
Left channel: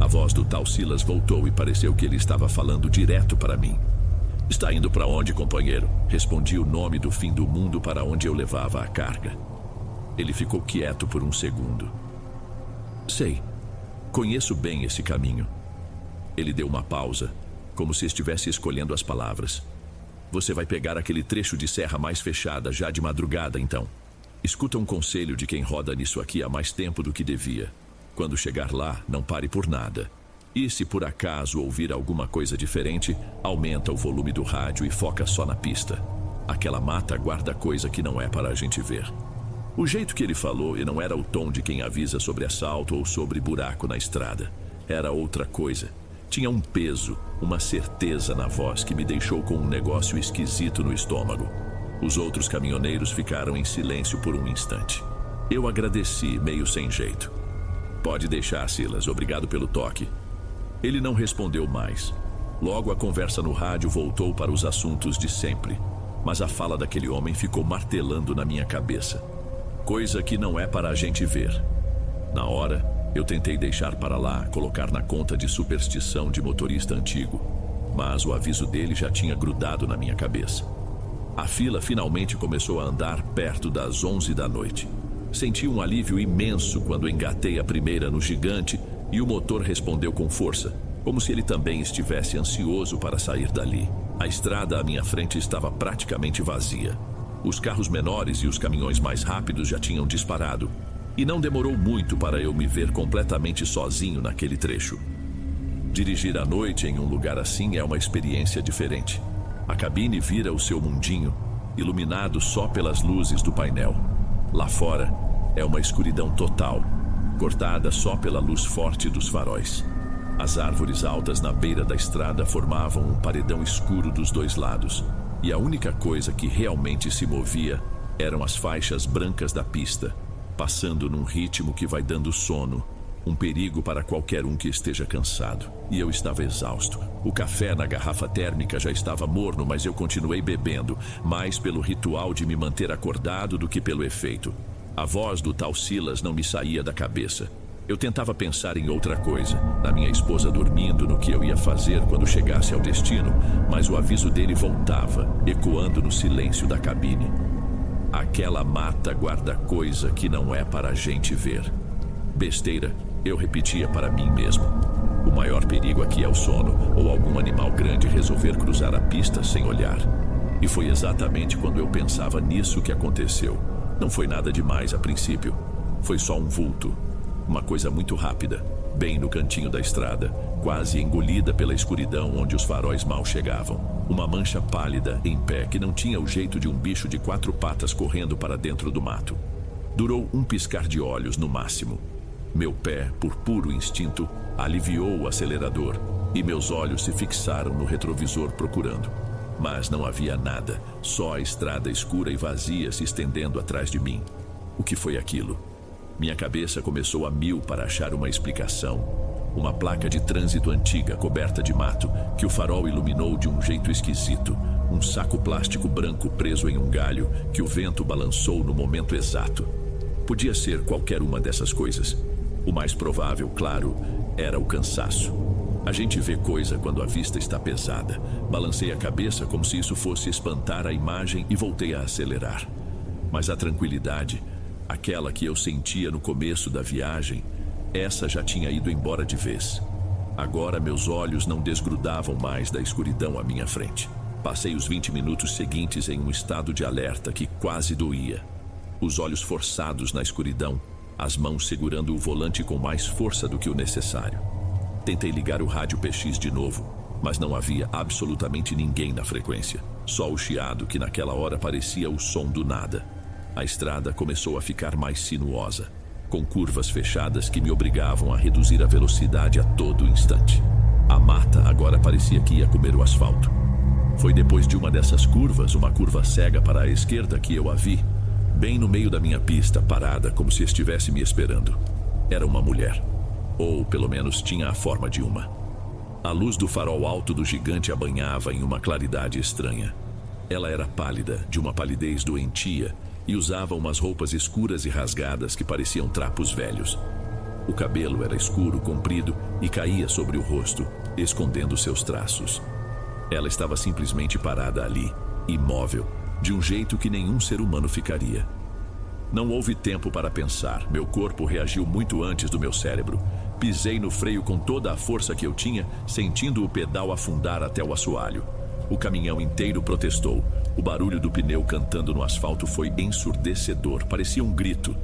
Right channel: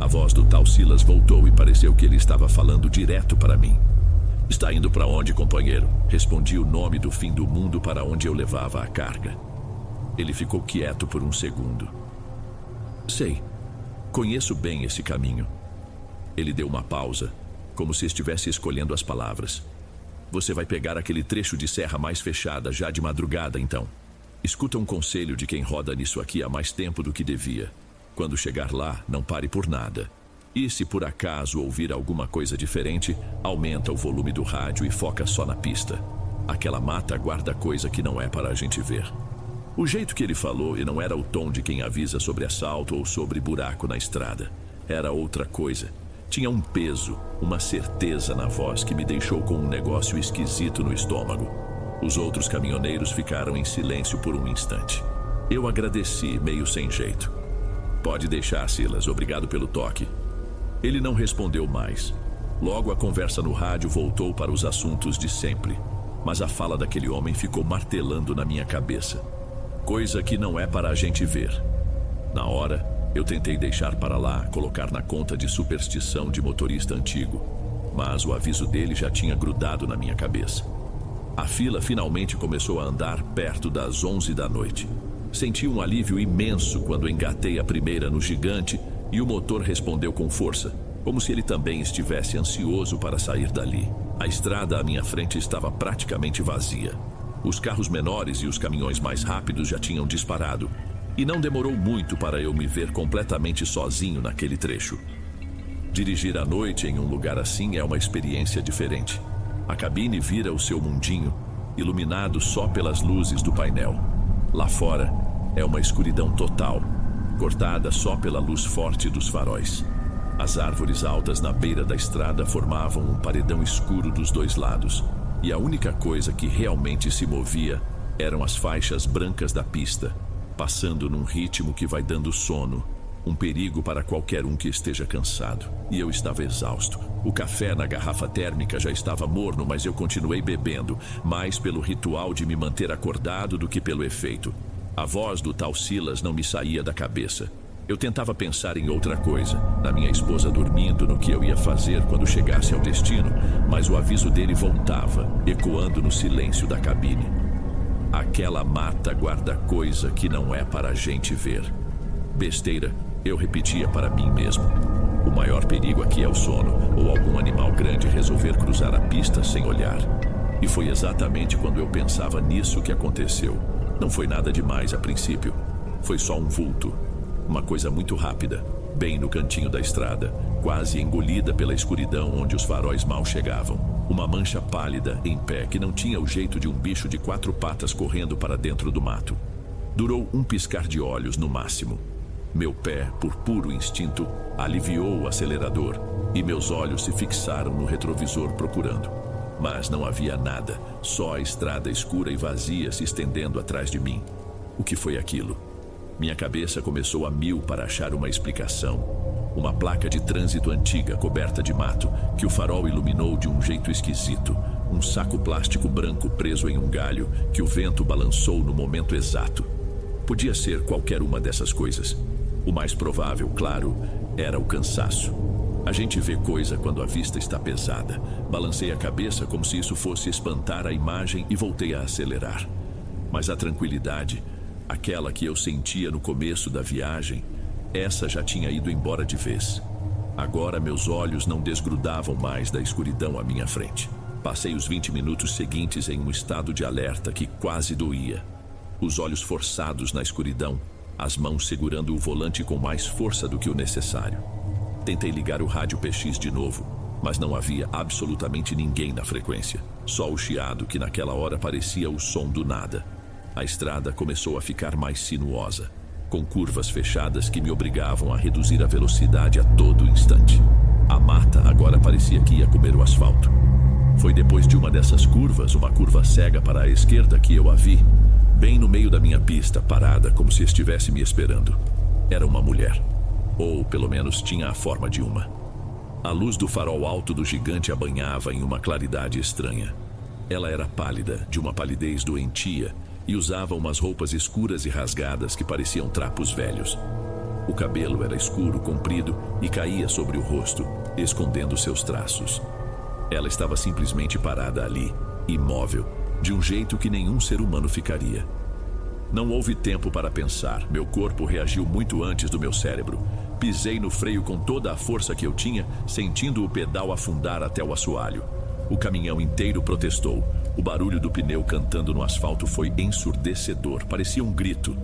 A voz do tal Silas voltou e pareceu que ele estava falando direto para mim. Está indo para onde, companheiro? Respondi o nome do fim do mundo para onde eu levava a carga. Ele ficou quieto por um segundo. Sei, conheço bem esse caminho. Ele deu uma pausa, como se estivesse escolhendo as palavras. Você vai pegar aquele trecho de serra mais fechada já de madrugada, então. Escuta um conselho de quem roda nisso aqui há mais tempo do que devia. Quando chegar lá, não pare por nada. E se por acaso ouvir alguma coisa diferente, aumenta o volume do rádio e foca só na pista. Aquela mata guarda coisa que não é para a gente ver. O jeito que ele falou e não era o tom de quem avisa sobre assalto ou sobre buraco na estrada. Era outra coisa. Tinha um peso, uma certeza na voz que me deixou com um negócio esquisito no estômago. Os outros caminhoneiros ficaram em silêncio por um instante. Eu agradeci, meio sem jeito. Pode deixar, Silas, obrigado pelo toque. Ele não respondeu mais. Logo a conversa no rádio voltou para os assuntos de sempre. Mas a fala daquele homem ficou martelando na minha cabeça. Coisa que não é para a gente ver. Na hora, eu tentei deixar para lá, colocar na conta de superstição de motorista antigo. Mas o aviso dele já tinha grudado na minha cabeça. A fila finalmente começou a andar perto das 11 da noite. Senti um alívio imenso quando engatei a primeira no gigante e o motor respondeu com força, como se ele também estivesse ansioso para sair dali. A estrada à minha frente estava praticamente vazia. Os carros menores e os caminhões mais rápidos já tinham disparado, e não demorou muito para eu me ver completamente sozinho naquele trecho. Dirigir à noite em um lugar assim é uma experiência diferente. A cabine vira o seu mundinho, iluminado só pelas luzes do painel. Lá fora é uma escuridão total, cortada só pela luz forte dos faróis. As árvores altas na beira da estrada formavam um paredão escuro dos dois lados, e a única coisa que realmente se movia eram as faixas brancas da pista, passando num ritmo que vai dando sono, um perigo para qualquer um que esteja cansado. E eu estava exausto. O café na garrafa térmica já estava morno, mas eu continuei bebendo, mais pelo ritual de me manter acordado do que pelo efeito. A voz do tal Silas não me saía da cabeça. Eu tentava pensar em outra coisa, na minha esposa dormindo, no que eu ia fazer quando chegasse ao destino, mas o aviso dele voltava, ecoando no silêncio da cabine. Aquela mata guarda coisa que não é para a gente ver. Besteira, eu repetia para mim mesmo. O maior perigo aqui é o sono, ou algum animal grande resolver cruzar a pista sem olhar. E foi exatamente quando eu pensava nisso que aconteceu. Não foi nada demais a princípio. Foi só um vulto. Uma coisa muito rápida, bem no cantinho da estrada, quase engolida pela escuridão onde os faróis mal chegavam. Uma mancha pálida em pé que não tinha o jeito de um bicho de 4 patas correndo para dentro do mato. Durou um piscar de olhos no máximo. Meu pé, por puro instinto, aliviou o acelerador e meus olhos se fixaram no retrovisor procurando. Mas não havia nada, só a estrada escura e vazia se estendendo atrás de mim. O que foi aquilo? Minha cabeça começou a mil para achar uma explicação. Uma placa de trânsito antiga coberta de mato que o farol iluminou de um jeito esquisito. Um saco plástico branco preso em um galho que o vento balançou no momento exato. Podia ser qualquer uma dessas coisas. O mais provável, claro, era o cansaço. A gente vê coisa quando a vista está pesada. Balancei a cabeça como se isso fosse espantar a imagem e voltei a acelerar. Mas a tranquilidade, aquela que eu sentia no começo da viagem, essa já tinha ido embora de vez. Agora meus olhos não desgrudavam mais da escuridão à minha frente. Passei os 20 minutos seguintes em um estado de alerta que quase doía. Os olhos forçados na escuridão, as mãos segurando o volante com mais força do que o necessário. Tentei ligar o rádio PX de novo, mas não havia absolutamente ninguém na frequência. Só o chiado que naquela hora parecia o som do nada. A estrada começou a ficar mais sinuosa, com curvas fechadas que me obrigavam a reduzir a velocidade a todo instante. A mata agora parecia que ia comer o asfalto. Foi depois de uma dessas curvas, uma curva cega para a esquerda, que eu a vi, bem no meio da minha pista, parada como se estivesse me esperando. Era uma mulher, ou pelo menos tinha a forma de uma. A luz do farol alto do gigante a banhava em uma claridade estranha. Ela era pálida, de uma palidez doentia, e usava umas roupas escuras e rasgadas que pareciam trapos velhos. O cabelo era escuro, comprido e caía sobre o rosto, escondendo seus traços. Ela estava simplesmente parada ali, imóvel, de um jeito que nenhum ser humano ficaria. Não houve tempo para pensar. Meu corpo reagiu muito antes do meu cérebro. Pisei no freio com toda a força que eu tinha, sentindo o pedal afundar até o assoalho. O caminhão inteiro protestou. O barulho do pneu cantando no asfalto foi ensurdecedor, parecia um grito.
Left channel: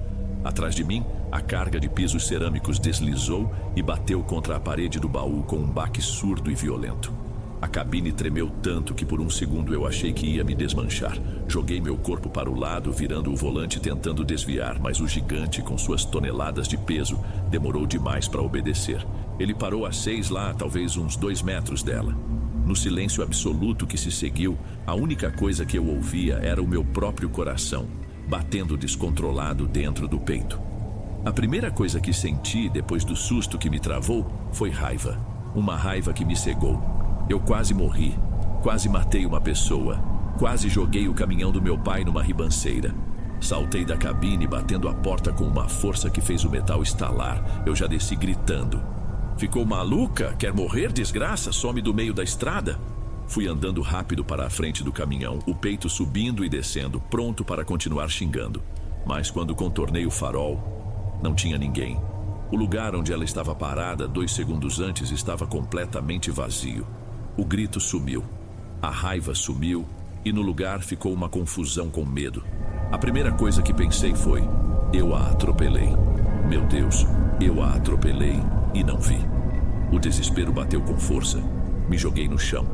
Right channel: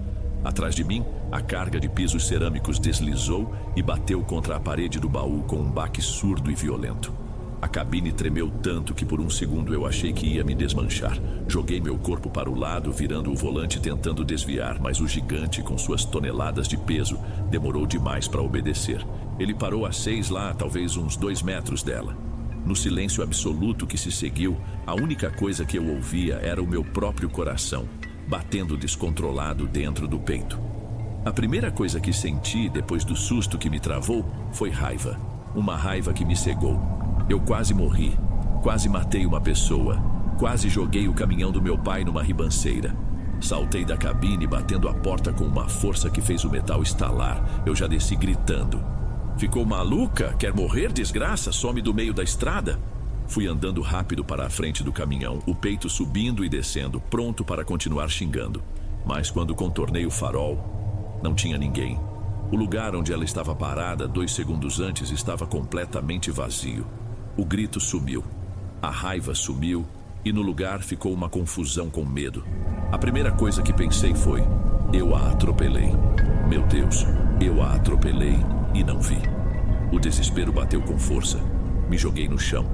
Atrás de mim, a carga de pisos cerâmicos deslizou e bateu contra a parede do baú com um baque surdo e violento. A cabine tremeu tanto que por um segundo eu achei que ia me desmanchar. Joguei meu corpo para o lado, virando o volante tentando desviar, mas o gigante, com suas toneladas de peso, demorou demais para obedecer. Ele parou a 6 lá, talvez uns 2 metros dela. No silêncio absoluto que se seguiu, a única coisa que eu ouvia era o meu próprio coração, batendo descontrolado dentro do peito. A primeira coisa que senti, depois do susto que me travou, foi raiva. Uma raiva que me cegou. Eu quase morri, quase matei uma pessoa, quase joguei o caminhão do meu pai numa ribanceira. Saltei da cabine, batendo a porta com uma força que fez o metal estalar. Eu já desci gritando. Ficou maluca? Quer morrer, desgraça? Some do meio da estrada? Fui andando rápido para a frente do caminhão, o peito subindo e descendo, pronto para continuar xingando. Mas quando contornei o farol, não tinha ninguém. O lugar onde ela estava parada 2 segundos antes estava completamente vazio. O grito sumiu, a raiva sumiu e no lugar ficou uma confusão com medo. A primeira coisa que pensei foi: eu a atropelei. Meu Deus, eu a atropelei e não vi. O desespero bateu com força. Me joguei no chão,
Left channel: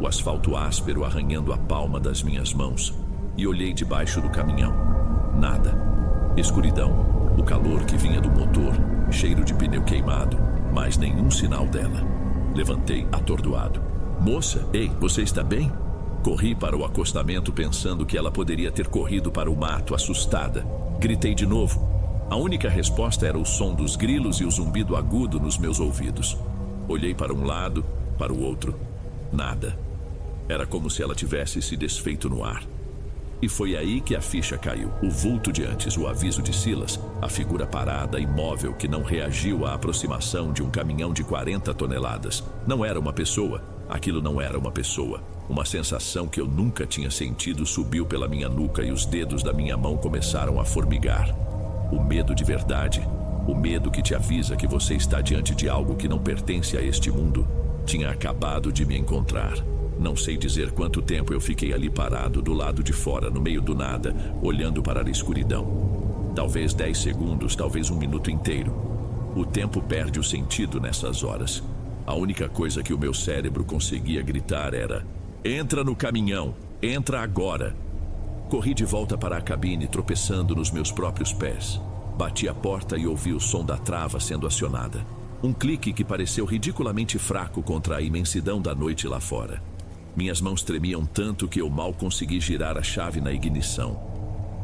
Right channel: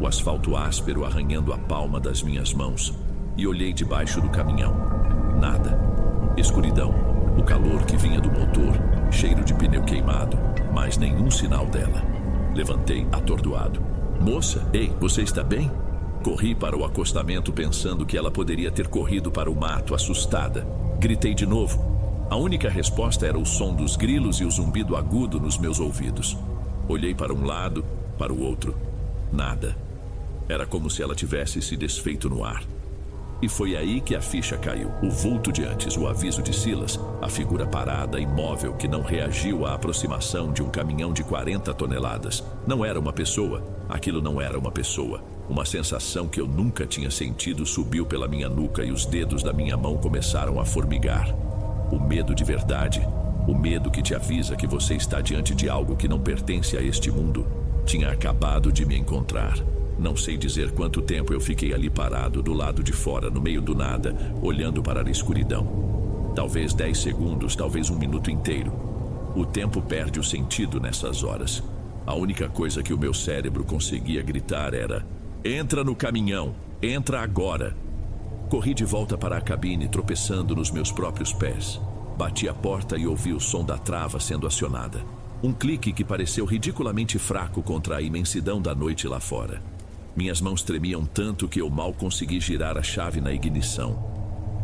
o asfalto áspero arranhando a palma das minhas mãos, e olhei debaixo do caminhão. Nada. Escuridão, o calor que vinha do motor, cheiro de pneu queimado, mas nenhum sinal dela. Levantei atordoado. Moça, ei, você está bem? Corri para o acostamento pensando que ela poderia ter corrido para o mato, assustada. Gritei de novo. A única resposta era o som dos grilos e o zumbido agudo nos meus ouvidos. Olhei para um lado, para o outro. Nada. Era como se ela tivesse se desfeito no ar. E foi aí que a ficha caiu. O vulto de antes, o aviso de Silas, a figura parada, imóvel, que não reagiu à aproximação de um caminhão de 40 toneladas. Não era uma pessoa. Aquilo não era uma pessoa. Uma sensação que eu nunca tinha sentido subiu pela minha nuca e os dedos da minha mão começaram a formigar. O medo de verdade, o medo que te avisa que você está diante de algo que não pertence a este mundo, tinha acabado de me encontrar. Não sei dizer quanto tempo eu fiquei ali parado, do lado de fora, no meio do nada, olhando para a escuridão. Talvez 10 segundos, talvez 1 minuto inteiro. O tempo perde o sentido nessas horas. A única coisa que o meu cérebro conseguia gritar era: entra no caminhão, entra agora. Corri de volta para a cabine, tropeçando nos meus próprios pés. Bati a porta e ouvi o som da trava sendo acionada. Um clique que pareceu ridiculamente fraco contra a imensidão da noite lá fora. Minhas mãos tremiam tanto que eu mal consegui girar a chave na ignição.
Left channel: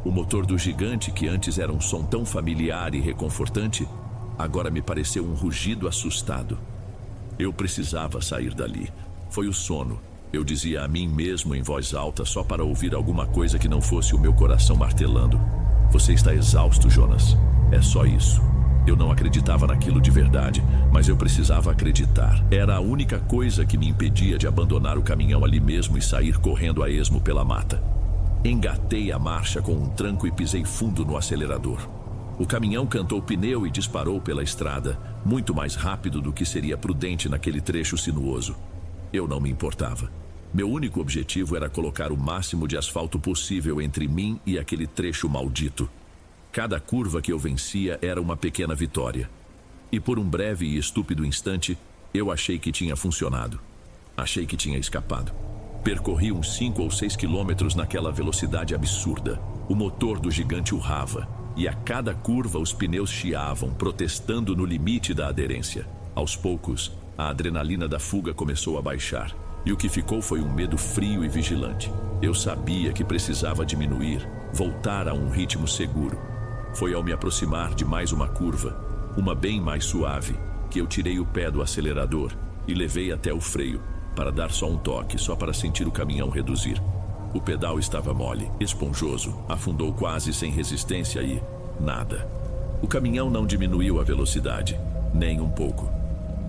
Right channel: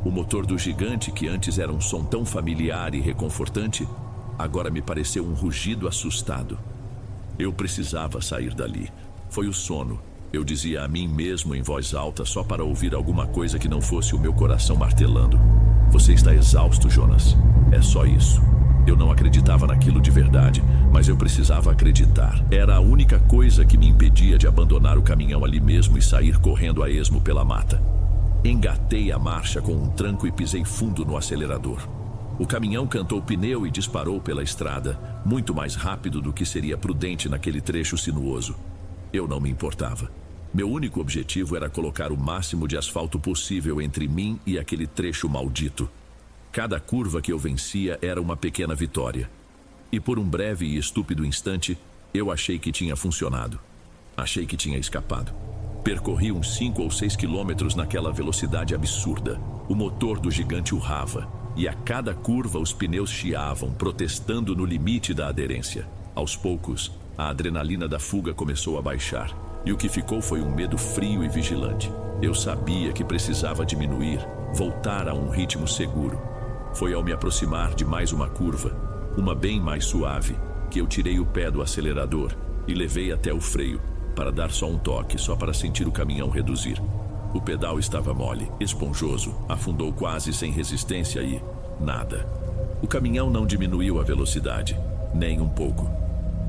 O motor do gigante, que antes era um som tão familiar e reconfortante, agora me pareceu um rugido assustado. Eu precisava sair dali. Foi o sono. Eu dizia a mim mesmo em voz alta só para ouvir alguma coisa que não fosse o meu coração martelando. Você está exausto, Jonas. É só isso. Eu não acreditava naquilo de verdade, mas eu precisava acreditar. Era a única coisa que me impedia de abandonar o caminhão ali mesmo e sair correndo a esmo pela mata. Engatei a marcha com um tranco e pisei fundo no acelerador. O caminhão cantou pneu e disparou pela estrada, muito mais rápido do que seria prudente naquele trecho sinuoso. Eu não me importava. Meu único objetivo era colocar o máximo de asfalto possível entre mim e aquele trecho maldito. Cada curva que eu vencia era uma pequena vitória. E por um breve e estúpido instante, eu achei que tinha funcionado. Achei que tinha escapado. Percorri uns 5 ou 6 quilômetros naquela velocidade absurda. O motor do gigante urrava, e a cada curva os pneus chiavam, protestando no limite da aderência. Aos poucos, a adrenalina da fuga começou a baixar, e o que ficou foi um medo frio e vigilante. Eu sabia que precisava diminuir, voltar a um ritmo seguro. Foi ao me aproximar de mais uma curva, uma bem mais suave, que eu tirei o pé do acelerador e levei até o freio, para dar só um toque, só para sentir o caminhão reduzir. O pedal estava mole, esponjoso, afundou quase sem resistência e nada. O caminhão não diminuiu a velocidade, nem um pouco.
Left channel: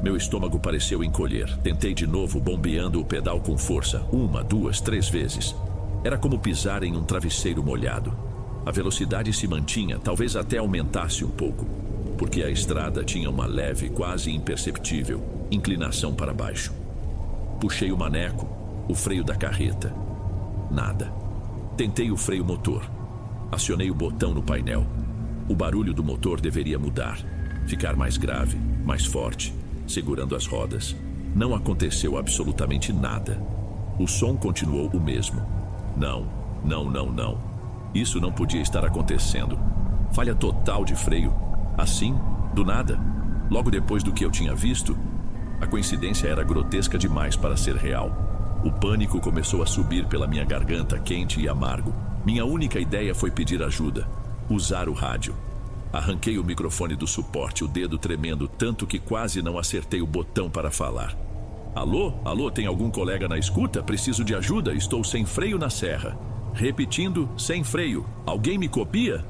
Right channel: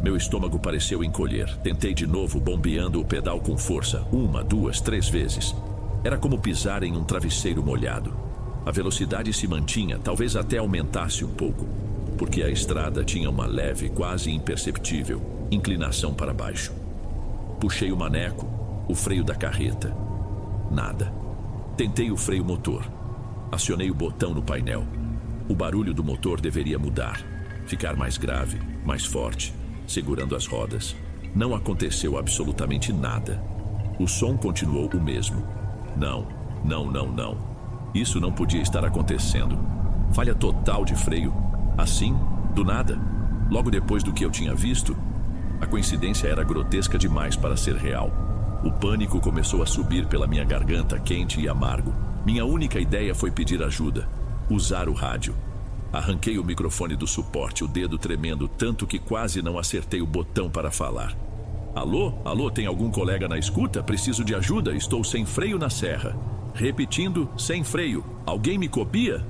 Meu estômago pareceu encolher. Tentei de novo, bombeando o pedal com força, 1, 2, 3 vezes. Era como pisar em um travesseiro molhado. A velocidade se mantinha, talvez até aumentasse um pouco, porque a estrada tinha uma leve, quase imperceptível, inclinação para baixo. Puxei o maneco, o freio da carreta. Nada. Tentei o freio motor. Acionei o botão no painel. O barulho do motor deveria mudar, ficar mais grave, mais forte, segurando as rodas. Não aconteceu absolutamente nada. O som continuou o mesmo. Não. Isso não podia estar acontecendo. Falha total de freio. Assim, do nada, logo depois do que eu tinha visto. A coincidência era grotesca demais para ser real. O pânico começou a subir pela minha garganta, quente e amargo. Minha única ideia foi pedir ajuda, usar o rádio. Arranquei o microfone do suporte, o dedo tremendo tanto que quase não acertei o botão para falar. Alô? Alô, tem algum colega na escuta? Preciso de ajuda, estou sem freio na serra. Repetindo, sem freio. Alguém me copia?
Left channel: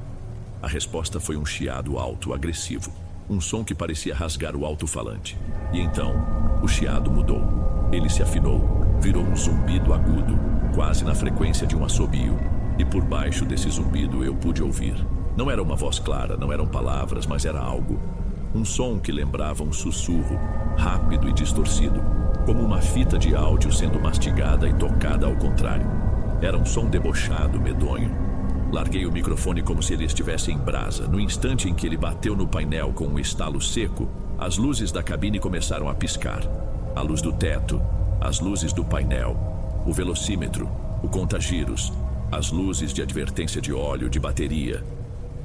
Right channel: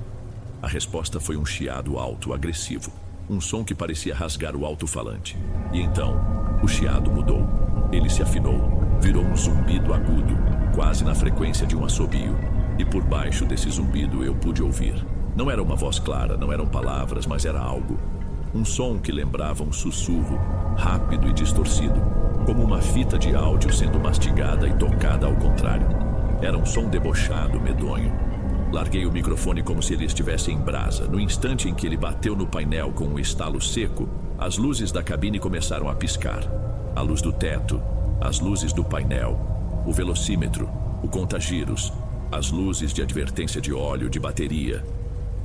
A resposta foi um chiado alto, agressivo. Um som que parecia rasgar o alto-falante. E então, o chiado mudou. Ele se afinou, virou um zumbido agudo, quase na frequência de um assobio. E por baixo desse zumbido eu pude ouvir. Não era uma voz clara, não eram palavras, mas era algo. Um som que lembrava um sussurro, rápido e distorcido, como uma fita de áudio sendo mastigada e tocada ao contrário. Era um som debochado, medonho. Larguei o microfone como se ele estivesse em brasa. No instante em que ele bateu no painel com um estalo seco, as luzes da cabine começaram a piscar. A luz do teto, as luzes do painel, o velocímetro, o contagiros, as luzes de advertência de óleo, de bateria.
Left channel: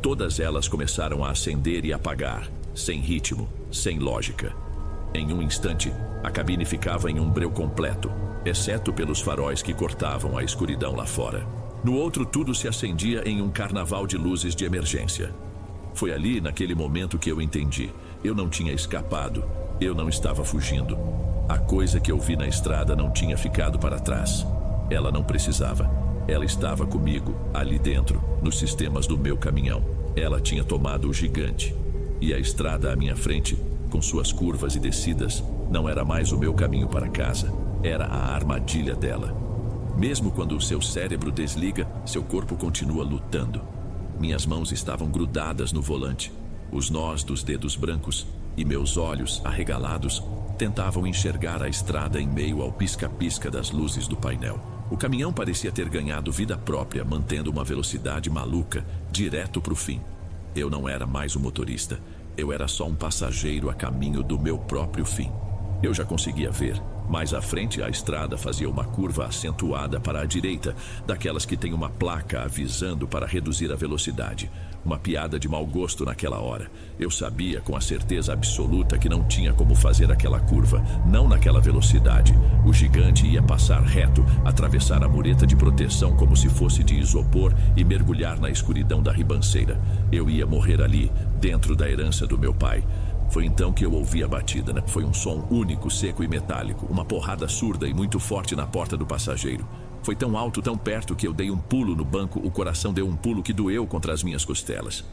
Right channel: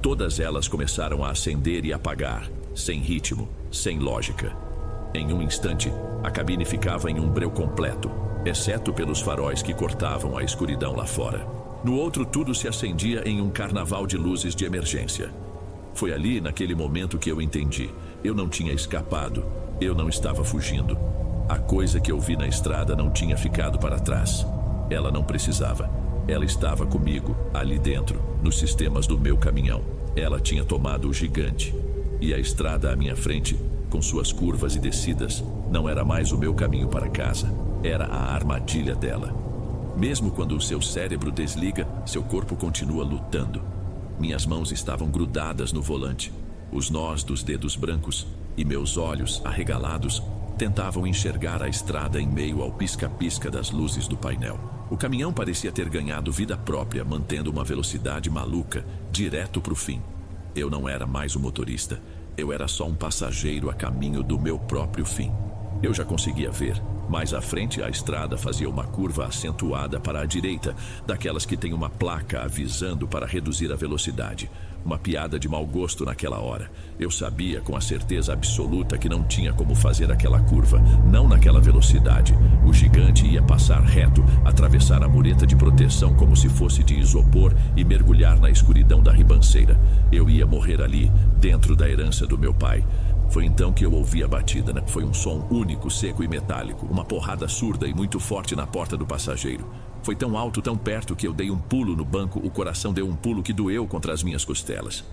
Todas elas começaram a acender e apagar, sem ritmo, sem lógica. Em um instante, a cabine ficava em um breu completo, exceto pelos faróis que cortavam a escuridão lá fora. No outro, tudo se acendia em um carnaval de luzes de emergência. Foi ali, naquele momento, que eu entendi. Eu não tinha escapado, eu não estava fugindo. A coisa que eu vi na estrada não tinha ficado para trás. Ela não precisava. Ela estava comigo, ali dentro, nos sistemas do meu caminhão. Ela tinha tomado o gigante. E a estrada à minha frente, com suas curvas e descidas, não era mais o meu caminho para casa. Era a armadilha dela. Mesmo quando o seu cérebro desliga, seu corpo continua lutando. Minhas mãos estavam grudadas no volante. Os nós dos dedos brancos e meus olhos, arregalados, tentavam enxergar a estrada em meio ao pisca-pisca das luzes do painel. O caminhão parecia ter ganhado vida própria, mantendo uma velocidade maluca, direto para o fim. Eu não era mais o motorista. Eu era só um passageiro a caminho do meu próprio fim. Eu já conseguia ver. Mais à frente, a estrada fazia uma curva acentuada para a direita, daquelas que tem uma placa avisando para reduzir a velocidade. Uma piada de mau gosto naquela hora. Eu sabia com a certeza absoluta que não tinha como fazer aquela curva, não naquela velocidade. O gigante ia passar reto, atravessar a mureta de proteção como se fosse de isopor e mergulhar na escuridão da ribanceira. Eu ia morrer ali, dentro da herança do meu pai. Foi então que eu ouvi a batida, né? Foi um som único, seco e metálico, uma porrada surda e muito forte na porta do passageiro. Foi tão alto, tão perto, que eu dei um pulo no banco, o coração deu um pulo que doeu contra as minhas costelas.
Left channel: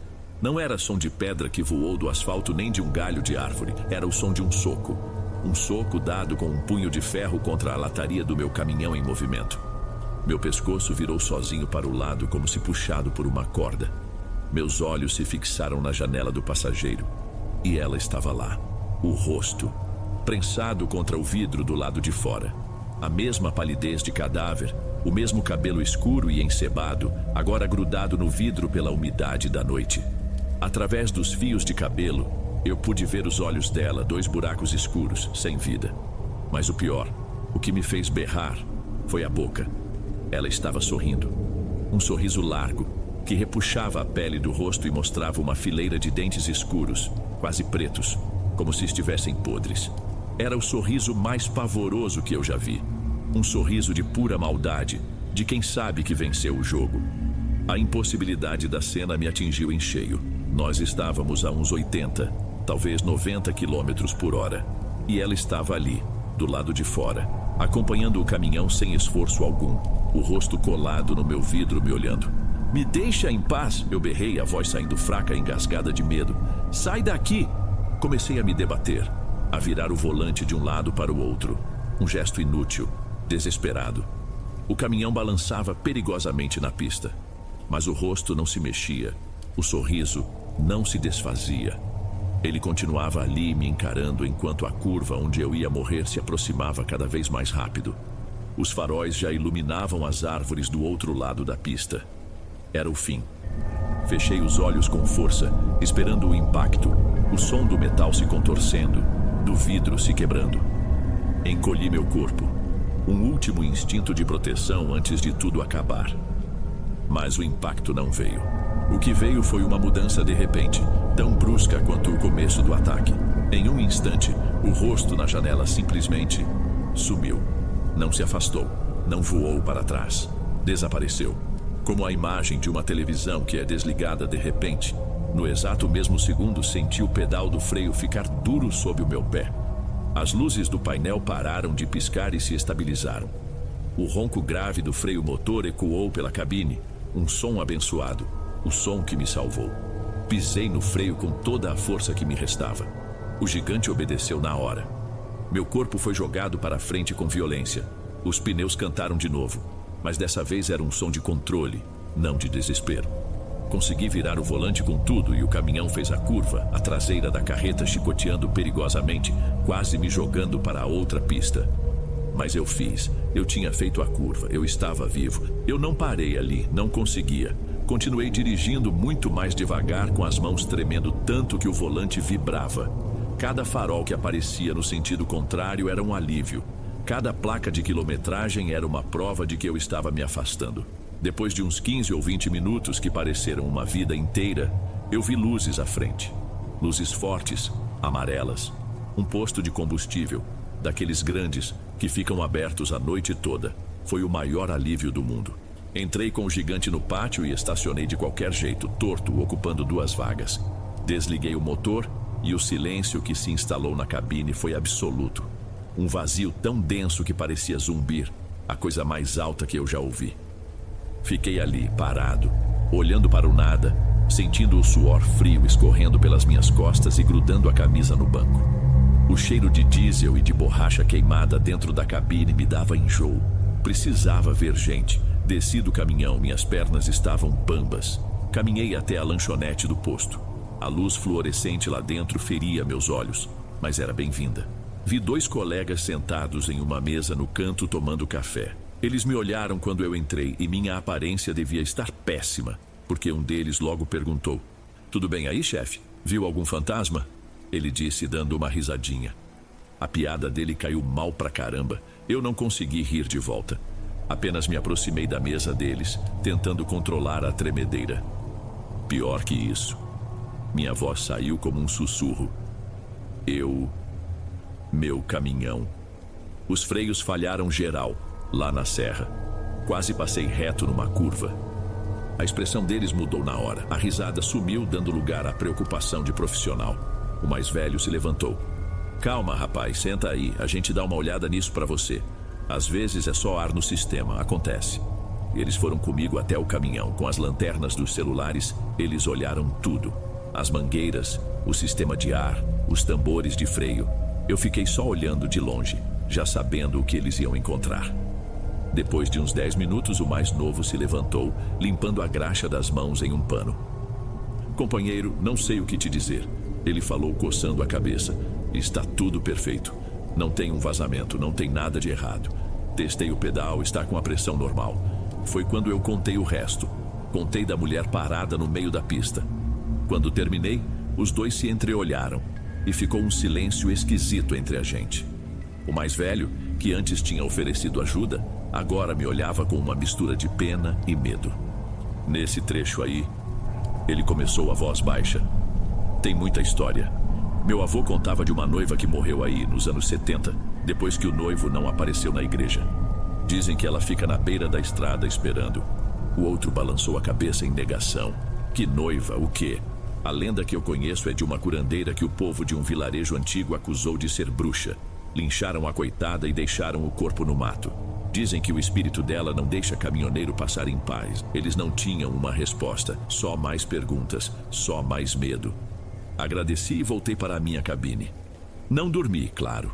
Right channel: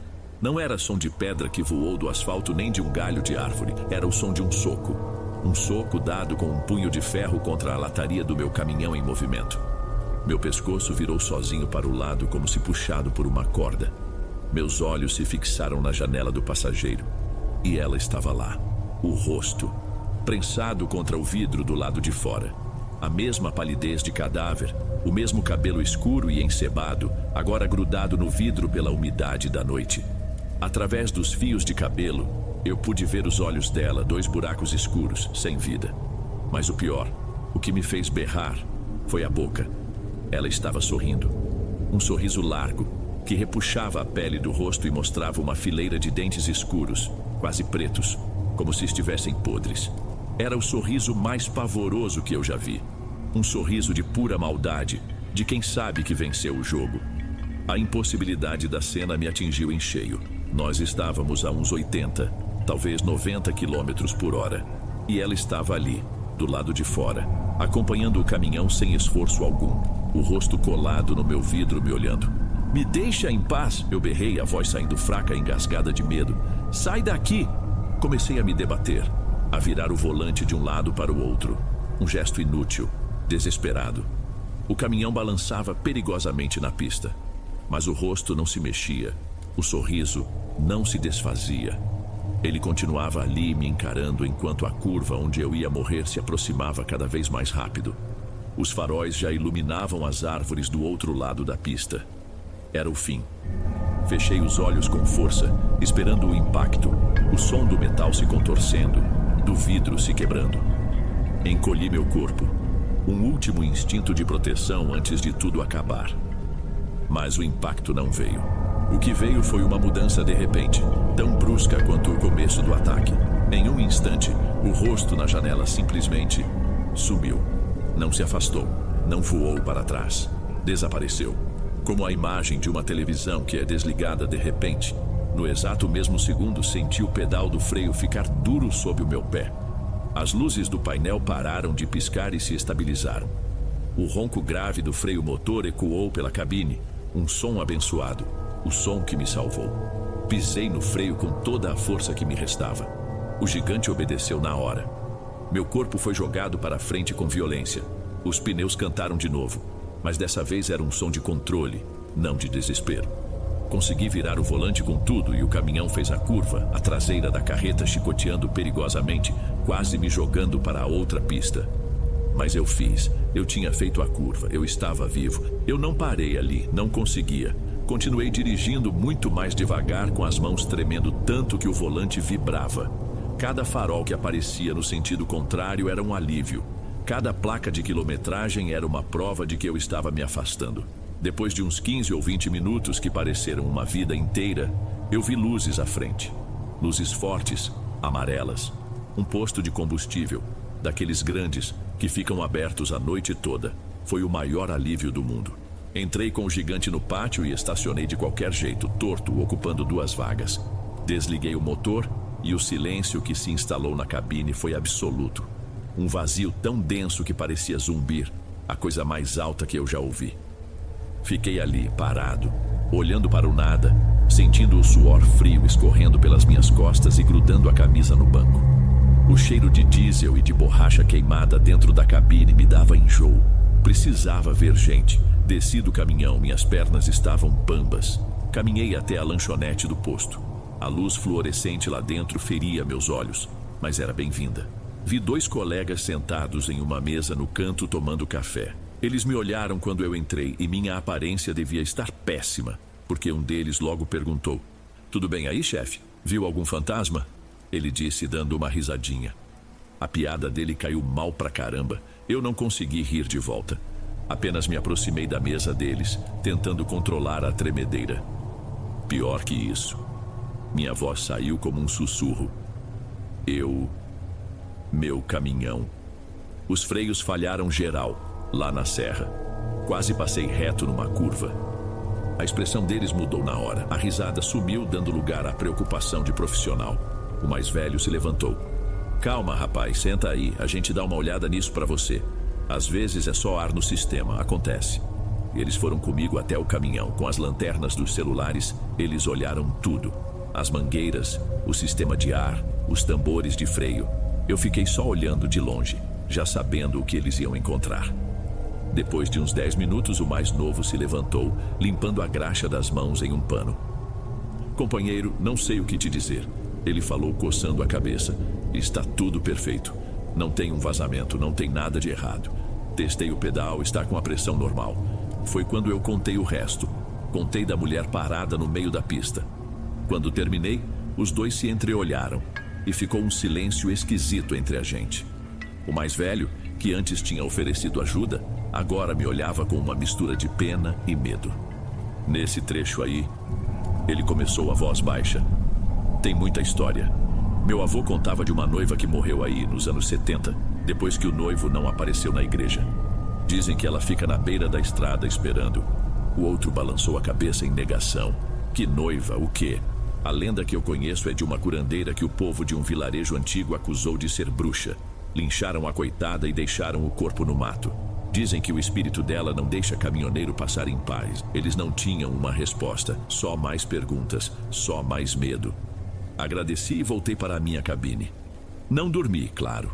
Não era som de pedra que voou do asfalto nem de um galho de árvore, era o som de um soco. Um soco dado com um punho de ferro contra a lataria do meu caminhão em movimento. Meu pescoço virou sozinho para o lado como se puxado por uma corda. Meus olhos se fixaram na janela do passageiro. E ela estava lá, o rosto, prensado contra o vidro do lado de fora. A mesma palidez de cadáver, o mesmo cabelo escuro e encebado, agora grudado no vidro pela umidade da noite. Através dos fios de cabelo, eu pude ver os olhos dela, 2 buracos escuros, sem vida. Mas o pior, o que me fez berrar, foi a boca. Ela estava sorrindo. Um sorriso largo, que repuxava a pele do rosto e mostrava uma fileira de dentes escuros, quase pretos, como se estivessem podres. Era o sorriso mais pavoroso que eu já vi. Um sorriso de pura maldade, de quem sabe que venceu o jogo. A impossibilidade da cena me atingiu em cheio. Nós estávamos a uns 80, talvez 90 quilômetros por hora. E ela estava ali, do lado de fora, acompanhando o caminhão sem esforço algum, o rosto colado no meu vidro me olhando. "Me deixa em paz", eu berrei, a voz saindo fraca e engasgada de medo. "Sai daqui!" Comecei a me debater, a virar o volante de um lado para o outro. Um gesto inútil, desesperado. O caminhão balançava perigosamente na pista, mas o rosto não se mexia, o sorriso não se desfazia. Ele continuava ali me encarando enquanto a curva onde eu ia morrer se aproximava cada vez mais rápido. Os faróis já iluminavam as árvores do outro lado da pista. Era o fim. Fechei os olhos com força, esperando o impacto, o som do metal se contorcendo, do vidro se quebrando. Encolhi meu corpo, um último instinto de proteção antes de tudo acabar. Mas o impacto não veio. O que veio foi uma mudança de repente, tão brusca quanto o começo do ataque. Em um instante, o rosto na janela simplesmente sumiu. Não se afastou, não voou para trás. Desapareceu. Como a imagem de uma televisão que é desligada de repente. No exato mesmo segundo, senti o pedal do freio ficar duro sob o meu pé. As luzes do painel pararam de piscar e se estabilizaram. O ronco grave do freio motor ecoou pela cabine, um som abençoado, o som que me salvou. Pisei no freio com toda a força que me restava. O gigante obedeceu na hora. Meu corpo foi jogado para frente com violência. Os pneus cantaram de novo, mas dessa vez era um som de controle, não de desespero. Consegui virar o volante com tudo e o caminhão fez a curva, a traseira da carreta chicoteando perigosamente, quase me jogando para a outra pista. Mas eu fiz. Eu tinha feito a curva. Eu estava vivo. Eu não parei ali. Não conseguia. Continuei dirigindo muito mais devagar, com as mãos tremendo tanto que o volante vibrava. Cada farol que aparecia no sentido contrário era um alívio. Cada placa de quilometragem era uma prova de que eu estava me afastando. Depois de uns 15 ou 20 minutos que pareceram uma vida inteira, eu vi luzes à frente. Luzes fortes, amarelas. Um posto de combustível, daqueles grandes que ficam abertos a noite toda. Foi o maior alívio do mundo. Entrei com o gigante no pátio e estacionei de qualquer jeito, torto, ocupando 2 vagas. Desliguei o motor e o silêncio que se instalou na cabine foi absoluto. Um vazio tão denso que parecia zumbir, a coisa mais alta que eu já ouvi. Fiquei ali, parado, olhando para o nada, sentindo o suor frio escorrendo pelas minhas costas e grudando a camisa no banco. O cheiro de diesel e de borracha queimada dentro da cabine me dava enjoo. Precisava ver gente. Desci do caminhão, minhas pernas estavam bambas. Caminhei até a lanchonete do posto. A luz fluorescente lá dentro feria meus olhos, mas era bem-vinda. Vi 2 colegas sentados em uma mesa no canto tomando café. Eles me olharam quando eu entrei e minha aparência devia estar péssima, porque um deles logo perguntou: "Tudo bem aí, chefe? Viu algum fantasma?" Ele disse, dando uma risadinha. A piada dele caiu mal pra caramba. Eu não consegui rir de volta. Apenas me aproximei da mesa deles, tentando controlar a tremedeira. Pior que isso, minha voz saiu como um sussurro. Meu caminhão. Os freios falharam geral, lá na serra. Quase passei reto numa curva. A expressão deles mudou na hora. A risada sumiu, dando lugar à preocupação de profissional. O mais velho se levantou. "Calma, rapaz, senta aí. A gente dá uma olhada nisso pra você. Às vezes é só ar no sistema, acontece." E eles foram comigo até o caminhão. Com as lanternas dos celulares, eles olharam tudo. As mangueiras, o sistema de ar, os tambores de freio. Eu fiquei só olhando de longe, já sabendo o que eles iam encontrar. Depois de uns 10 minutos, o mais novo se levantou, limpando a graxa das mãos em um pano. "Companheiro, não sei o que te dizer." Ele falou, coçando a cabeça. "Está tudo perfeito. Não tem um vazamento, não tem nada de errado. Testei o pedal, está com a pressão normal. Foi quando eu contei o resto. Contei da mulher parada no meio da pista. Quando terminei, os dois se entreolharam e ficou um silêncio esquisito entre a gente. O mais velho, que antes tinha oferecido ajuda, agora me olhava com uma mistura de pena e medo. Nesse trecho aí, ele começou a voz baixa. Tem muita história. Meu avô contava de uma noiva que morreu aí nos anos 70, depois que o noivo não apareceu na igreja. Dizem que ela fica na beira da estrada esperando. O outro balançou a cabeça em negação. Que noiva, o quê? A lenda que eu conheço é de uma curandeira que o povo de um vilarejo antigo acusou de ser bruxa. Lincharam a coitada e deixaram o corpo no mato. Dizem que o espírito dela não deixa caminhoneiro passar em paz. Eles não tinham uma resposta, só mais perguntas, só mais medo. Agradeci e voltei para a minha cabine. Não dormi, claro.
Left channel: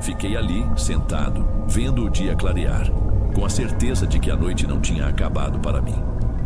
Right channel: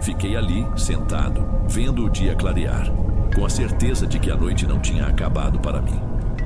Fiquei ali, sentado, vendo o dia clarear, com a certeza de que a noite não tinha acabado para mim.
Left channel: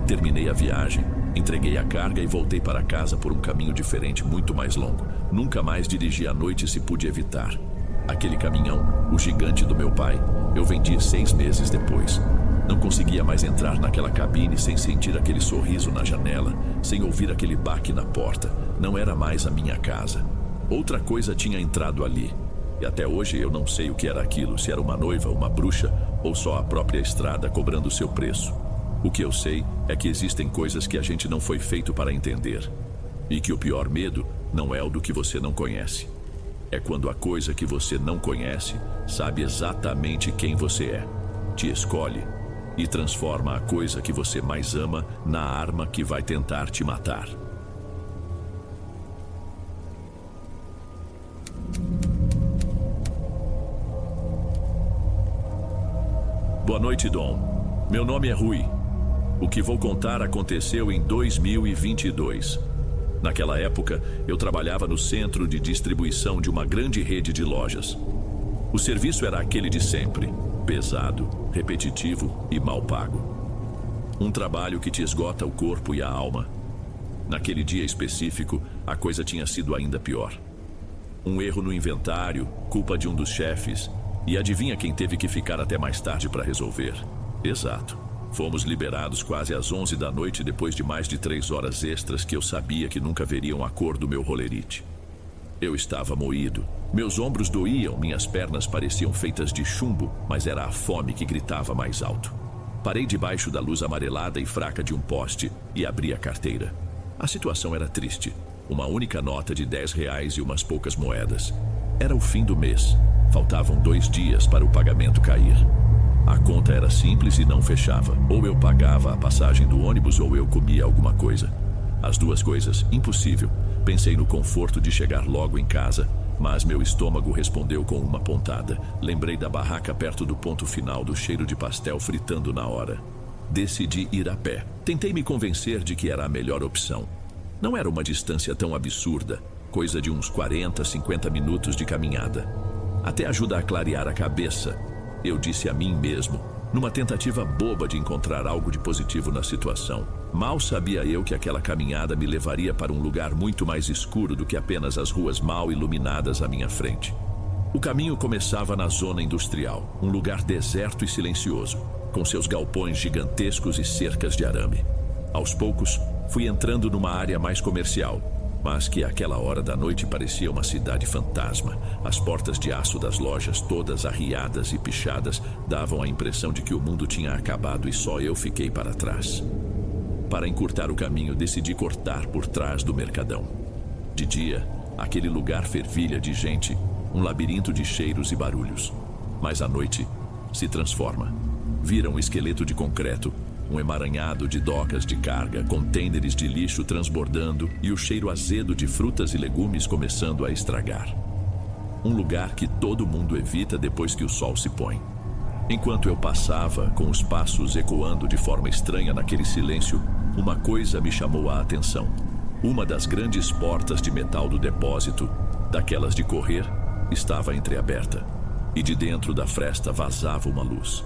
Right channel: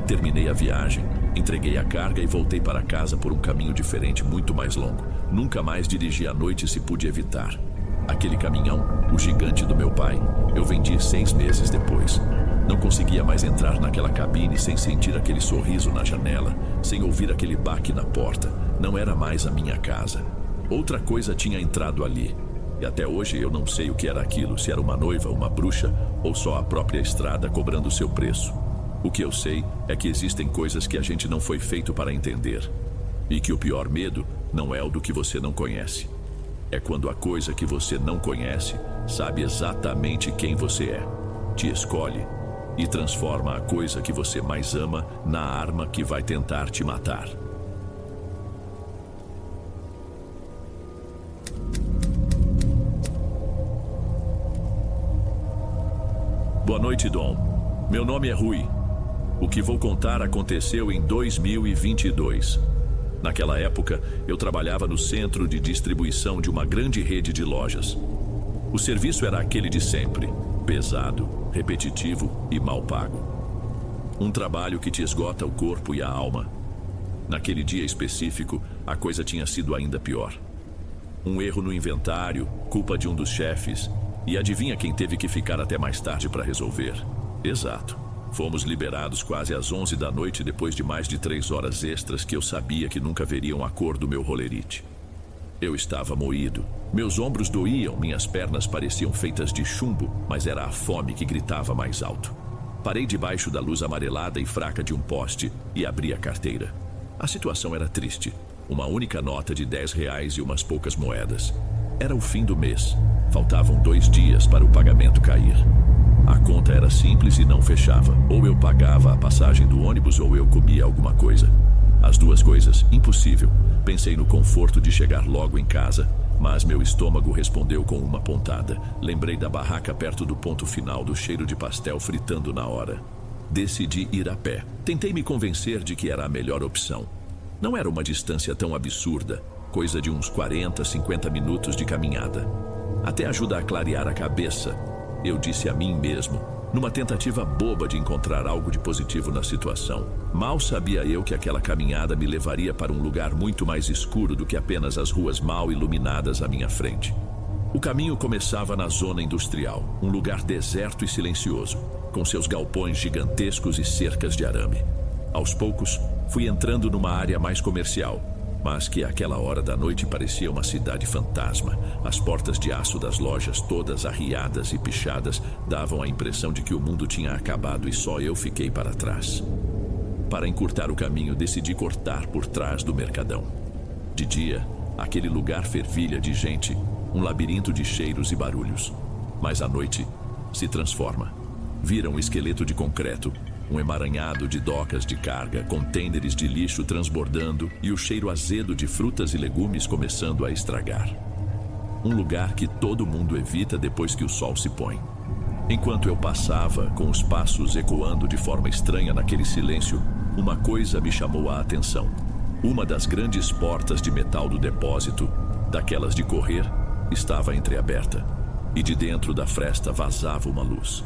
Terminei a viagem, entreguei a carga e voltei para casa por um caminho diferente, muito mais longo. Nunca mais dirigi à noite se pude evitar. Aquele caminhão, o gigante do meu pai, eu vendi 6 meses depois. Não conseguia mais entrar naquela cabine sem sentir aquele sorriso na janela, sem ouvir aquele baque na porta. Não era mais a minha casa. Outra coisa tinha entrado ali. E até hoje eu não sei o que era aquilo, se era uma noiva, uma bruxa ou só a própria estrada cobrando seu preço. O que eu sei é que existem coisas que a gente não foi feito para entender. E que o pior medo não é o do que você não conhece. É quando a coisa que você não conhece sabe exatamente quem você é, te escolhe e transforma a coisa que você mais ama na arma que vai tentar te matar. Boa noite, Dom. Meu nome é Rui. O que vou contar aconteceu em 2022. Naquela época, eu trabalhava no centro de distribuição de uma grande rede de lojas. O serviço era aquele de sempre, pesado, repetitivo e mal pago. Um trabalho que te esgota o corpo e a alma. Naquele dia específico, a coisa tinha sido ainda pior. Um erro no inventário, culpa de um dos chefes, e adivinha quem teve que ficar até mais tarde para resolver? Exato. Fomos liberados quase às 11 da noite depois de mais de 3 horas extras que eu sabia que nunca veriam a cor do meu rolerite. Eu estava moído. Meus ombros doíam, minhas pernas pareciam feitas de chumbo, mas era a fome que gritava mais alto. Parei debaixo da luz amarelada e fraca de um poste e abri a carteira. A situação era triste. Uma única nota de R$10 e umas poucas moedas. Era o fim do mês. Faltavam 2 dias para o pagamento cair. A conta era simples e não fechava. Ou eu pagava a passagem do ônibus ou eu comia alguma coisa. As duas coisas, impossível. Pensei no conforto de chegar logo em casa, mas meu estômago respondeu com uma pontada. Lembrei da barraca perto do ponto final, do cheiro de pastel fritando na hora. Decidi ir a pé. Tentei me convencer de que era a melhor opção. Não era uma distância tão absurda, coisa de uns 40, 50 minutos de caminhada. Até ajuda a clarear a cabeça. Eu disse a mim mesmo, numa tentativa boba de encontrar algo de positivo na situação. Mal sabia eu que aquela caminhada me levaria para um lugar muito mais escuro do que apenas as ruas mal iluminadas à minha frente. O caminho começava na zona industrial, um lugar deserto e silencioso, com seus galpões gigantescos e cercas de arame. Aos poucos, fui entrando numa área mais comercial, mas que àquela hora da noite parecia uma cidade fantasma. As portas de aço das lojas, todas arriadas e pichadas, davam a impressão de que o mundo tinha acabado e só eu fiquei para trás. Para encurtar o caminho, decidi cortar por trás do mercadão. De dia, aquele lugar fervilha de gente, um labirinto de cheiros e barulhos. Mas à noite, se transforma. Vira um esqueleto de concreto, um emaranhado de docas de carga, contêineres de lixo transbordando e o cheiro azedo de frutas e legumes começando a estragar. Um lugar que todo mundo evita depois que o sol se põe. Enquanto eu passava, com os passos ecoando de forma estranha naquele silêncio, uma coisa me chamou a atenção. Uma das grandes portas de metal do depósito, daquelas de correr, estava entreaberta, e de dentro da fresta vazava uma luz.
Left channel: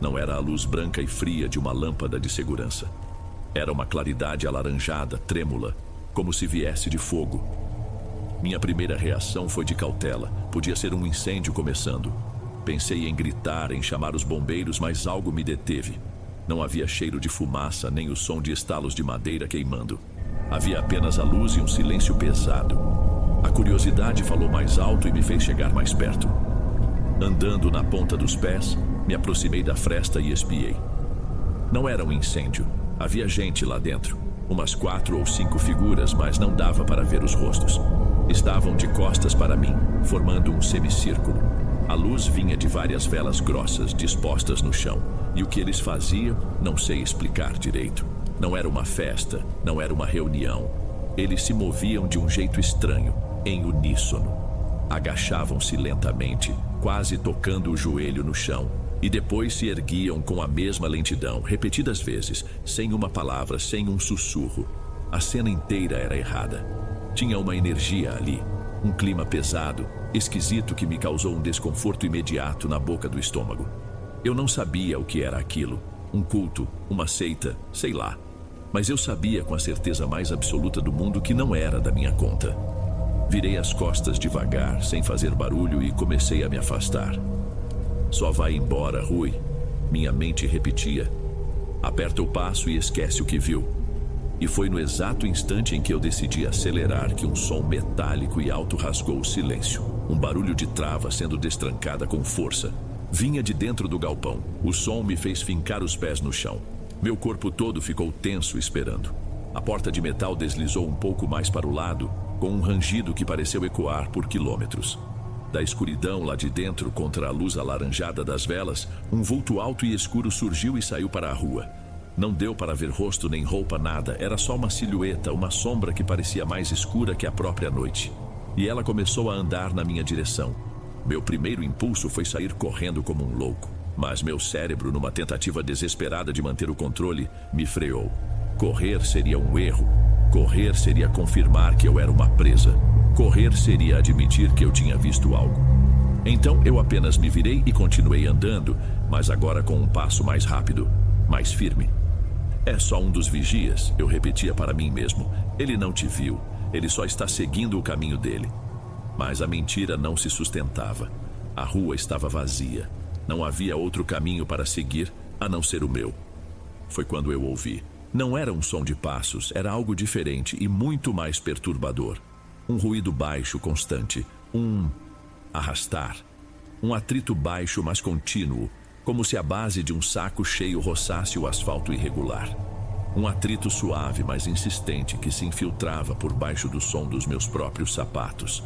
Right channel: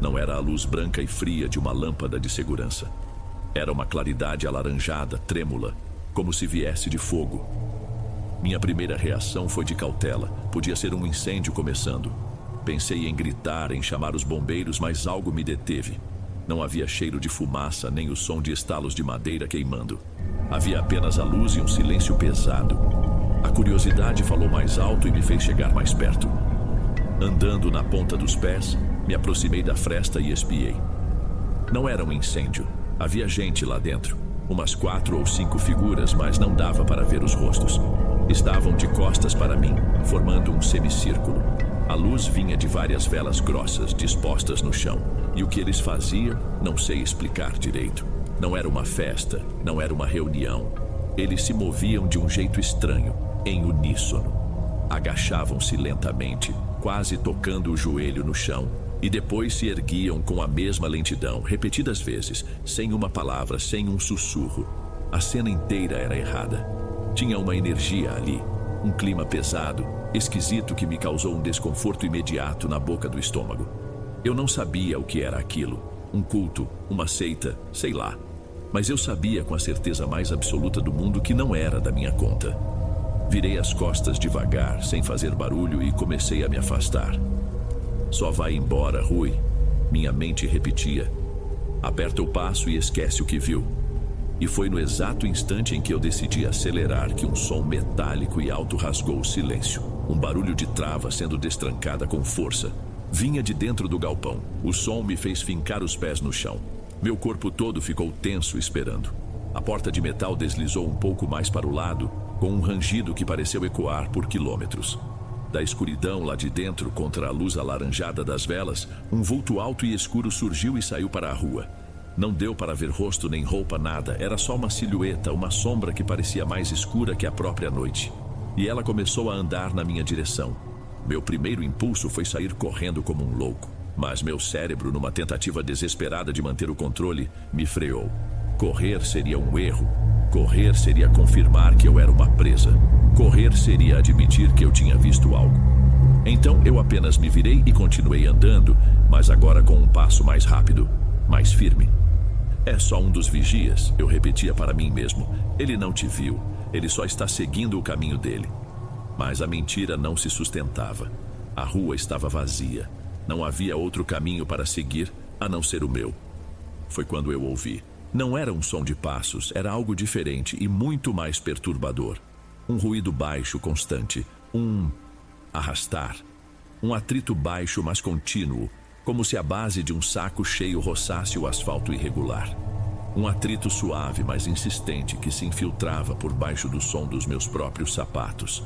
Não era a luz branca e fria de uma lâmpada de segurança. Era uma claridade alaranjada, trêmula, como se viesse de fogo. Minha primeira reação foi de cautela. Podia ser um incêndio começando. Pensei em gritar, em chamar os bombeiros, mas algo me deteve. Não havia cheiro de fumaça, nem o som de estalos de madeira queimando. Havia apenas a luz e um silêncio pesado. A curiosidade falou mais alto e me fez chegar mais perto. Andando na ponta dos pés, me aproximei da fresta e espiei. Não era um incêndio. Havia gente lá dentro. Umas 4 ou 5 figuras, mas não dava para ver os rostos. Estavam de costas para mim, formando um semicírculo. A luz vinha de várias velas grossas dispostas no chão. E o que eles faziam, não sei explicar direito. Não era uma festa, não era uma reunião. Eles se moviam de um jeito estranho, em uníssono. Agachavam-se lentamente, quase tocando o joelho no chão, e depois se erguiam com a mesma lentidão, repetidas vezes, sem uma palavra, sem um sussurro. A cena inteira era errada. Tinha uma energia ali, um clima pesado, esquisito que me causou um desconforto imediato na boca do estômago. Eu não sabia o que era aquilo, um culto, uma seita, sei lá. Mas eu sabia com a certeza mais absoluta do mundo que não era da minha conta. Virei as costas devagar, sem fazer barulho, e comecei a me afastar. Só vai embora, Rui, minha mente repetia. Aperta o passo e esquece o que viu. E foi no exato instante em que eu decidi acelerar que um som metálico e alto rasgou o silêncio. Um barulho de trava sendo destrancada com força. Vinha de dentro do galpão. O som me fez fincar os pés no chão. Meu corpo todo ficou tenso esperando. A porta de metal deslizou um pouco mais para o lado, com um rangido que pareceu ecoar por quilômetros. Da escuridão lá de dentro, contra a luz alaranjada das velas, um vulto alto e escuro surgiu e saiu para a rua. Não deu para ver rosto nem roupa, nada. Era só uma silhueta, uma sombra que parecia mais escura que a própria noite. E ela começou a andar na minha direção. Meu primeiro impulso foi sair correndo como um louco. Mas meu cérebro, numa tentativa desesperada de manter o controle, me freou. Correr seria um erro. Correr seria confirmar que eu era uma presa. Correr seria admitir que eu tinha visto algo. Então eu apenas me virei e continuei andando, mas agora com um passo mais rápido, mais firme. É só um dos vigias, eu repetia para mim mesmo. Ele não te viu, ele só está seguindo o caminho dele. Mas a mentira não se sustentava. A rua estava vazia. Não havia outro caminho para seguir, a não ser o meu. Foi quando eu ouvi. Não era um som de passos, era algo diferente e muito mais perturbador. Um ruído baixo, constante. Um arrastar. Um atrito baixo, mas contínuo, como se a base de um saco cheio roçasse o asfalto irregular. Um atrito suave, mas insistente, que se infiltrava por baixo do som dos meus próprios sapatos.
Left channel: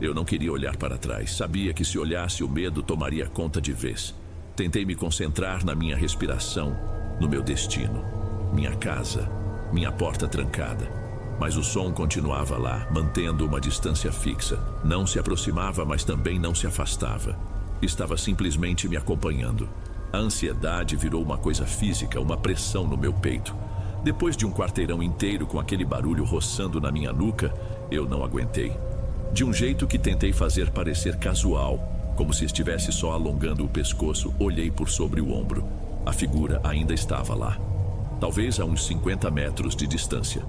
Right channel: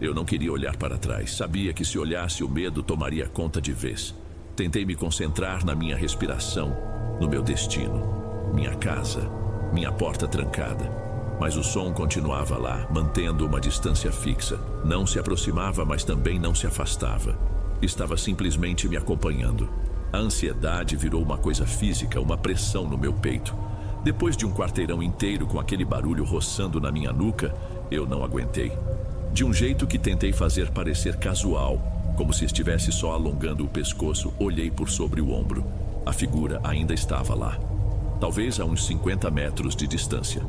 Eu não queria olhar para trás. Sabia que se olhasse o medo tomaria conta de vez. Tentei me concentrar na minha respiração, no meu destino. Minha casa, minha porta trancada. Mas o som continuava lá, mantendo uma distância fixa. Não se aproximava, mas também não se afastava. Estava simplesmente me acompanhando. A ansiedade virou uma coisa física, uma pressão no meu peito. Depois de um quarteirão inteiro com aquele barulho roçando na minha nuca, eu não aguentei. De um jeito que tentei fazer parecer casual, como se estivesse só alongando o pescoço, olhei por sobre o ombro. A figura ainda estava lá. Talvez a uns 50 metros de distância.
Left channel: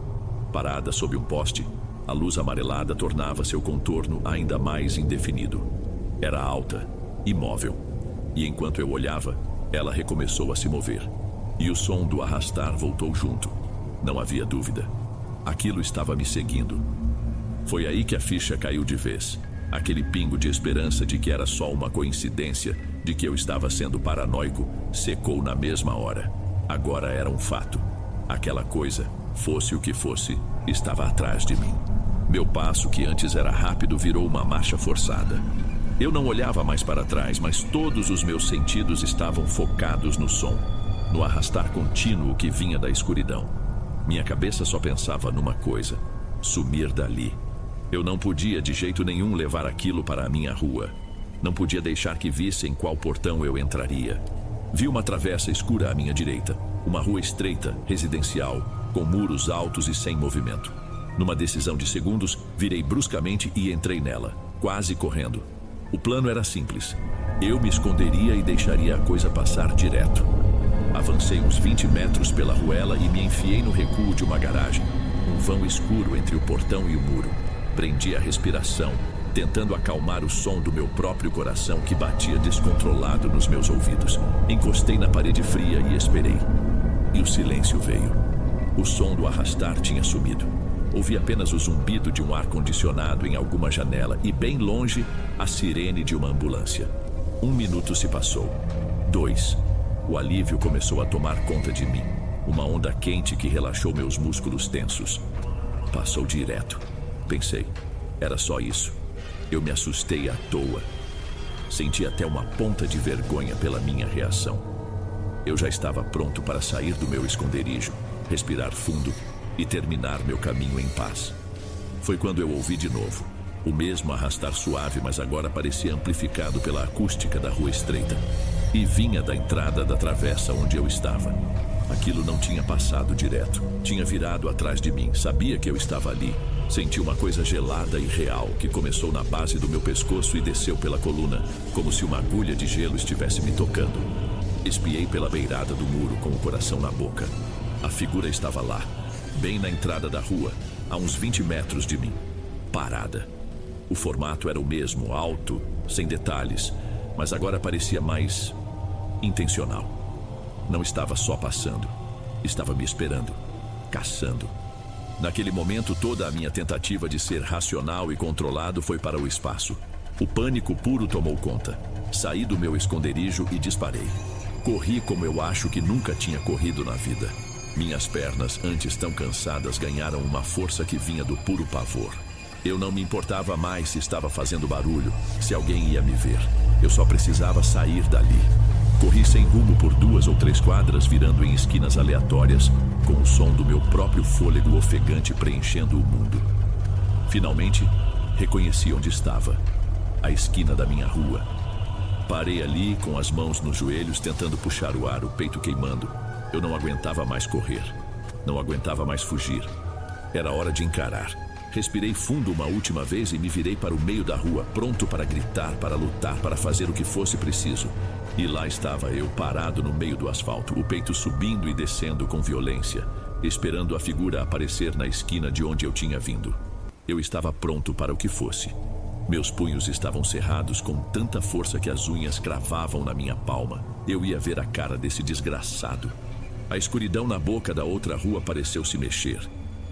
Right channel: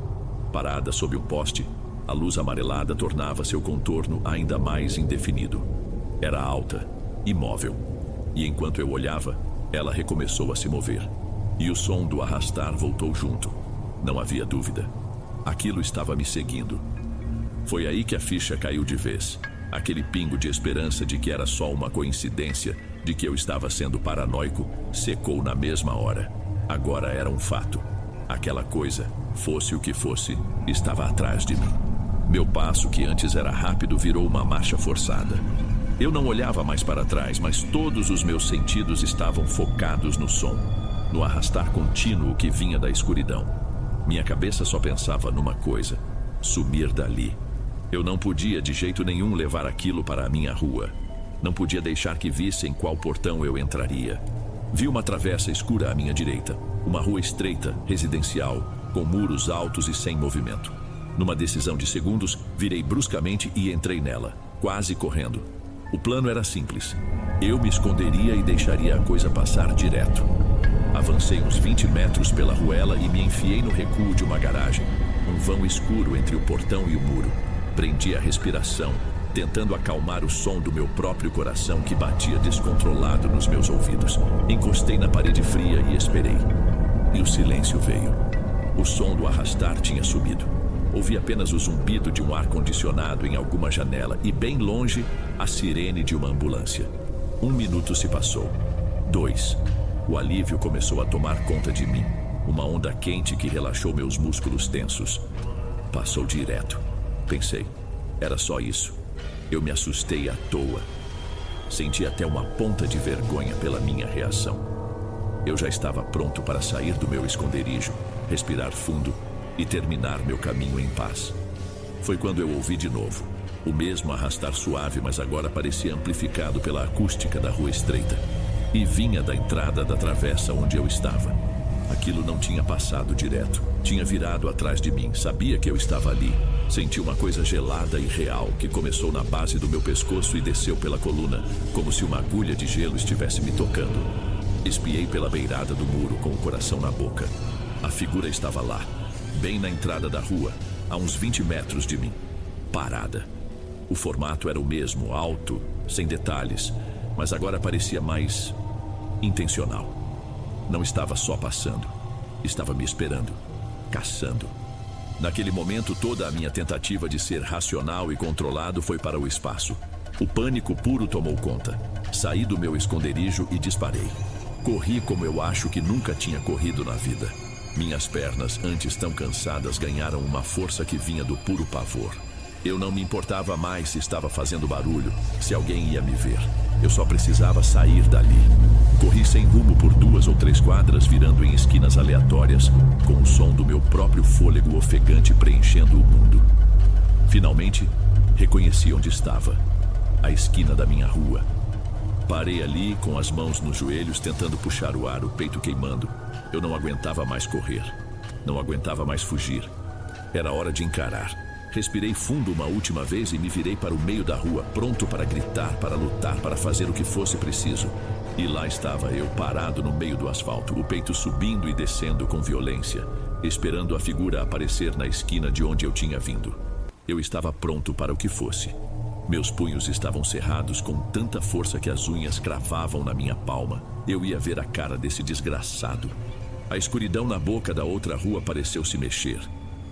Parada sob um poste, a luz amarelada tornava seu contorno ainda mais indefinido. Era alta, imóvel. E enquanto eu olhava, ela recomeçou a se mover. E o som do arrastar voltou junto. Não havia dúvida. Aquilo estava me seguindo. Foi aí que a ficha caiu de vez. Aquele pingo de esperança de que era só uma coincidência, de que eu estava sendo paranoico, secou na mesma hora. Agora era um fato. Aquela coisa, fosse o que fosse, estava atrás de mim. Meu passo, que antes era rápido, virou uma marcha forçada. Eu não olhava mais para trás, mas todos os meus sentidos estavam focados no som, no arrastar contínuo que vinha da escuridão. Minha cabeça só pensava numa coisa: sumir dali. Eu não podia de jeito nenhum levar aquilo para a minha rua. Não podia deixar que vissem qual portão eu entraria. Vi uma travessa escura à minha direita, uma rua estreita, residencial, com muros altos e sem movimento. Numa decisão de segundos, virei bruscamente e entrei nela, quase correndo. O plano era simples. Eu me esconderia e deixaria a coisa passar direto. Avancei uns 20 metros pela ruela e me enfiei no recuo de uma garagem, um vão escuro entre o portão e o muro. Prendi a respiração, tentando acalmar o som do meu próprio coração que batia descontrolado nos meus ouvidos. Encostei na parede fria e esperei. E o silêncio veio. O som do arrastar tinha sumido. Ouvi apenas o zumbido de um ar-condicionado em alguma janela e, bem longe, a sirene de uma ambulância. 1 minuto se passou. 2. O alívio começou a tomar conta de mim. Uma onda quente que relaxou meus músculos tensos. Passou direto. Pensei, era só isso. Eu me assustei à toa. Senti até uma ponta de vergonha pela minha reação. Eu já estava pronto para sair do meu esconderijo, respirar fundo e terminar meu caminho em paz. Foi quando eu ouvi de novo. O mesmo arrastar suave, mas agora parecia amplificado pela acústica da rua estreita. E vinha da entrada da travessa onde eu estava. Aquilo não tinha passado direto. Tinha virado atrás de mim. Sabia que eu estava ali. Senti uma coisa gelada e real que começou na base do meu pescoço e desceu pela coluna, como se uma agulha de gelo estivesse me tocando. Espiei pela beirada do muro com o coração na boca. A figura estava lá, bem na entrada da rua, a uns 20 metros de mim. Parada. O formato era o mesmo, alto, sem detalhes, mas agora parecia mais intencional. Não estava só passando, estava me esperando, caçando. Naquele momento, toda a minha tentativa de ser racional e controlado foi para o espaço. O pânico puro tomou conta. Saí do meu esconderijo e disparei. Corri como eu acho que nunca tinha corrido na vida. Minhas pernas, antes tão cansadas, ganharam uma força que vinha do puro pavor. Eu não me importava mais se estava fazendo barulho, se alguém ia me ver. Eu só precisava sair dali. Corri sem rumo por 2 ou 3 quadras, virando em esquinas aleatórias, com o som do meu próprio fôlego ofegante preenchendo o mundo. Finalmente, reconheci onde estava. A esquina da minha rua. Parei ali, com as mãos nos joelhos, tentando puxar o ar, o peito queimando. Eu não aguentava mais correr. Não aguentava mais fugir. Era hora de encarar. Respirei fundo uma última vez e me virei para o meio da rua, pronto para gritar, para lutar, para fazer o que fosse preciso. E lá estava eu, parado no meio do asfalto, o peito subindo e descendo com violência, esperando a figura aparecer na esquina de onde eu tinha vindo. Eu estava pronto para o que fosse. Meus punhos estavam cerrados com tanta força que as unhas cravavam na minha palma. Eu ia ver a cara desse desgraçado. A escuridão na boca da outra rua pareceu se mexer.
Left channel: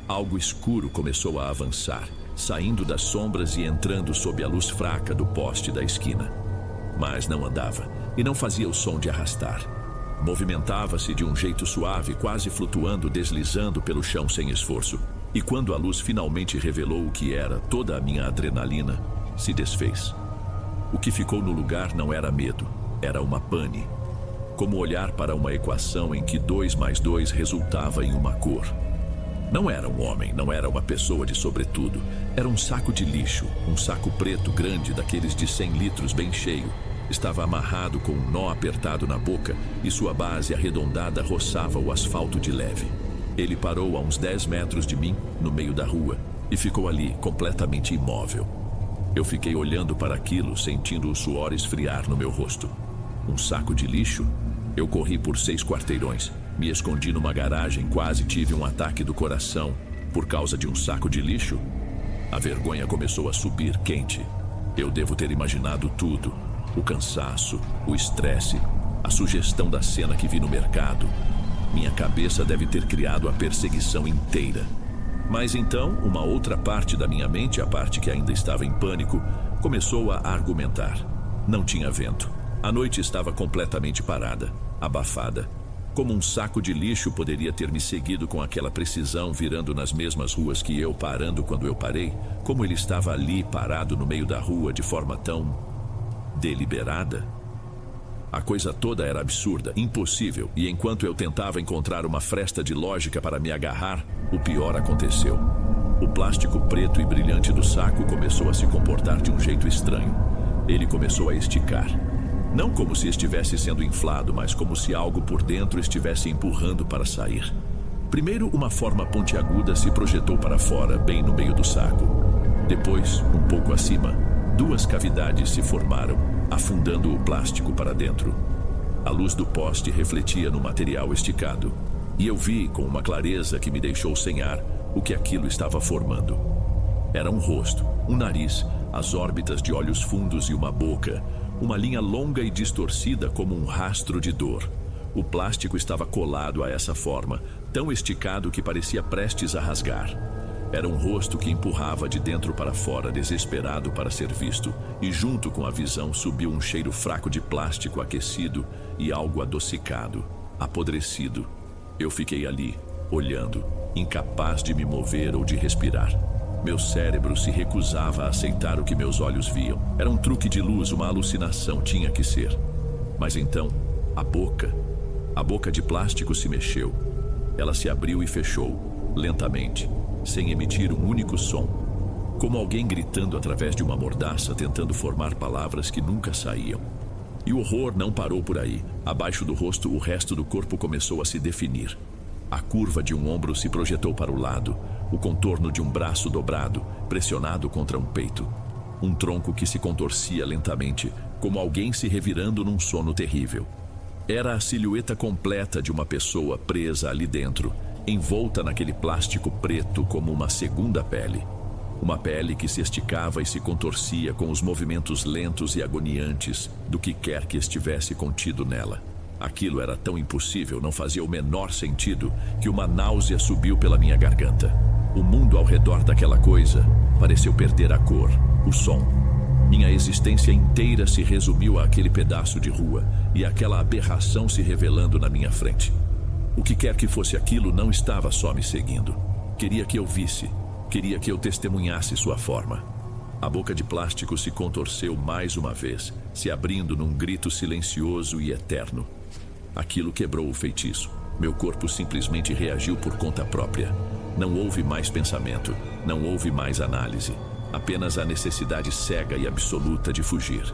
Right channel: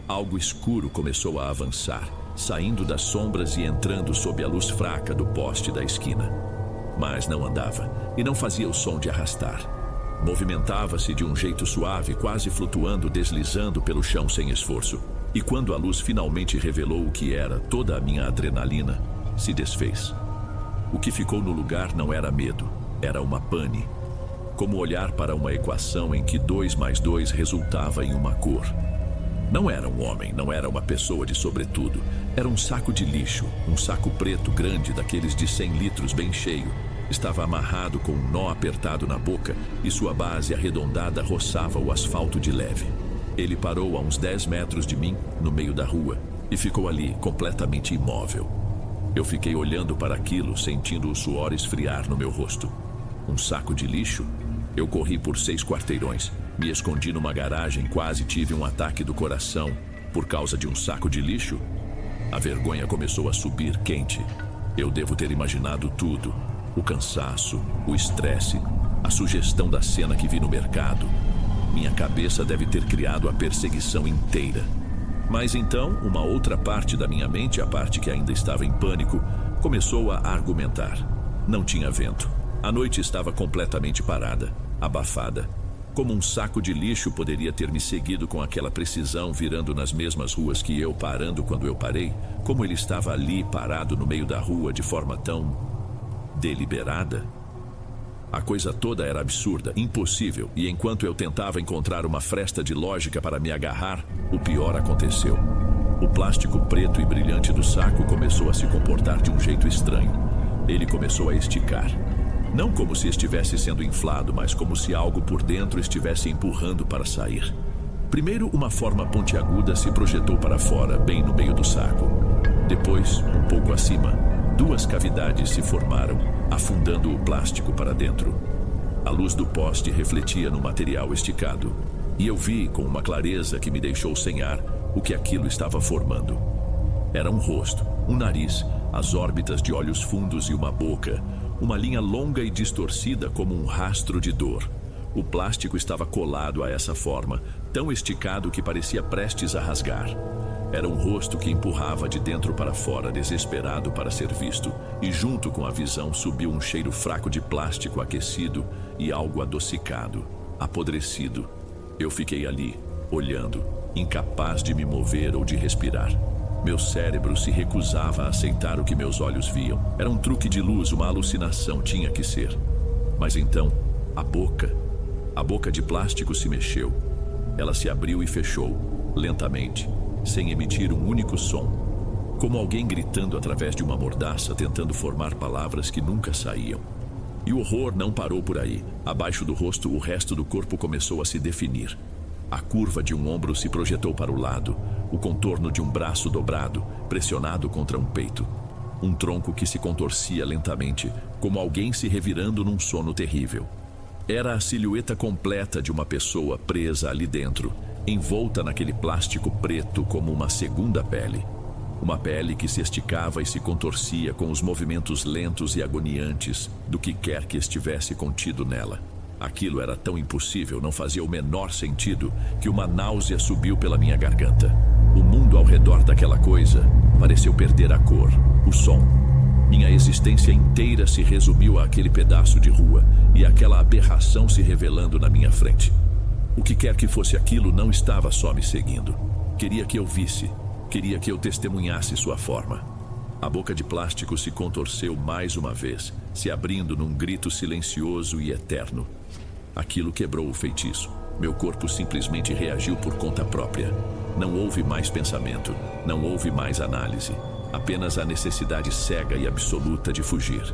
Algo escuro começou a avançar, saindo das sombras e entrando sob a luz fraca do poste da esquina. Mas não andava e não fazia o som de arrastar. Movimentava-se de um jeito suave, quase flutuando, deslizando pelo chão sem esforço. E quando a luz finalmente revelou o que era, toda a minha adrenalina se desfez. O que ficou no lugar não era medo, era uma pane. Como olhar para uma equação em que 2 mais 2 resultava em uma cor. Não era um homem, não era uma pessoa de sobretudo. Era um saco de lixo, um saco preto grande, daqueles de 100 litros, bem cheio. Estava amarrado com um nó apertado na boca e sua base arredondada roçava o asfalto de leve. Ele parou a uns 10 metros de mim, no meio da rua, e ficou ali, completamente imóvel. Eu fiquei olhando para aquilo, sentindo o suor esfriar no meu rosto. Um saco de lixo? Eu corri por 6 quarteirões. Me escondi numa garagem, quase tive um ataque do coração por causa de um saco de lixo. A vergonha começou a subir quente. Eu devo ter imaginado tudo. O cansaço, o estresse, a sugestão da cena que vi no mercado. Minha cabeça deve ter criado a perseguição inteira. Mas então, uma outra parte da minha mente, a parte que ainda estava em pânico, começou a argumentar. Não tinha vento. A noite estava completamente parada, abafada. Como um saco de lixo poderia ter me seguido com aquela precisão, virando nas mesmas ruas que eu, parando quando eu parei? Como ele estava ali, parado no meio da rua, de forma tão deliberada? A coisa toda era absurda, impossível, e enquanto eu tentava encontrar uma fresta de lógica para me agarrar, o pior aconteceu. O plástico preto e brilhante do saco começou a se comportar de um jeito estranho. Ele começou a esticar. Não como se estivesse sendo inflado, mas como se algo por dentro estivesse empurrando para sair. Primeiro, uma forma pontiaguda se projetou para fora, bem no meio do saco. Depois, um pouco acima, 2 cavidades se formaram, afundando o plástico para dentro. A luz do poste refletia no material esticado, e eu vi, com uma clareza que me deixou sem ar, o que aquilo estava formando. Era um rosto, um nariz, as órbitas de olhos fundos e uma boca, uma linha longa e distorcida como um rastro de dor. O plástico estava colado a essa forma, tão esticado que parecia prestes a rasgar. Era um rosto que empurrava de dentro para fora, desesperado para ser visto, e junto com a visão subiu um cheiro fraco de plástico aquecido e algo adocicado, apodrecido. Eu fiquei ali, olhando, incapaz de me mover ou de respirar. Meu cérebro se recusava a aceitar o que meus olhos viam. Era um truque de luz, uma alucinação, tinha que ser. Mas então, a boca de plástico se mexeu. Ela se abriu e fechou, lentamente, sem emitir um único som. Como alguém gritando através de uma mordaça, tentando formar palavras que nunca saíam. E o horror não parou por aí. Abaixo do rosto, o resto do corpo começou a se definir. A curva de um ombro se projetou para o lado, o contorno de um braço dobrado, pressionado contra um peito. Um tronco que se contorcia lentamente, como alguém se revirando num sono terrível. Era a silhueta completa de uma pessoa presa ali dentro, envolta naquele plástico preto como uma segunda pele. Uma pele que se esticava e se contorcia com os movimentos lentos e agoniantes do que quer que estivesse contido nela. Aquilo era tão impossível, não fazia o menor sentido, que uma náusea subiu pela minha garganta. O mundo ao redor daquela coisa pareceu perder a cor, o som. Minha existência inteira se resumiu àquele pedaço de rua e àquela aberração se revelando na minha frente. O que quer que fosse aquilo não estava só me seguindo. Queria que eu visse, queria que eu testemunhasse sua forma. A boca de plástico se contorceu mais uma vez, se abrindo num grito silencioso e eterno. Aquilo quebrou o feitiço. Meu corpo simplesmente reagiu por conta própria. Não houve mais pensamento, não houve mais análise. Apenas a necessidade cega e absoluta de fugir.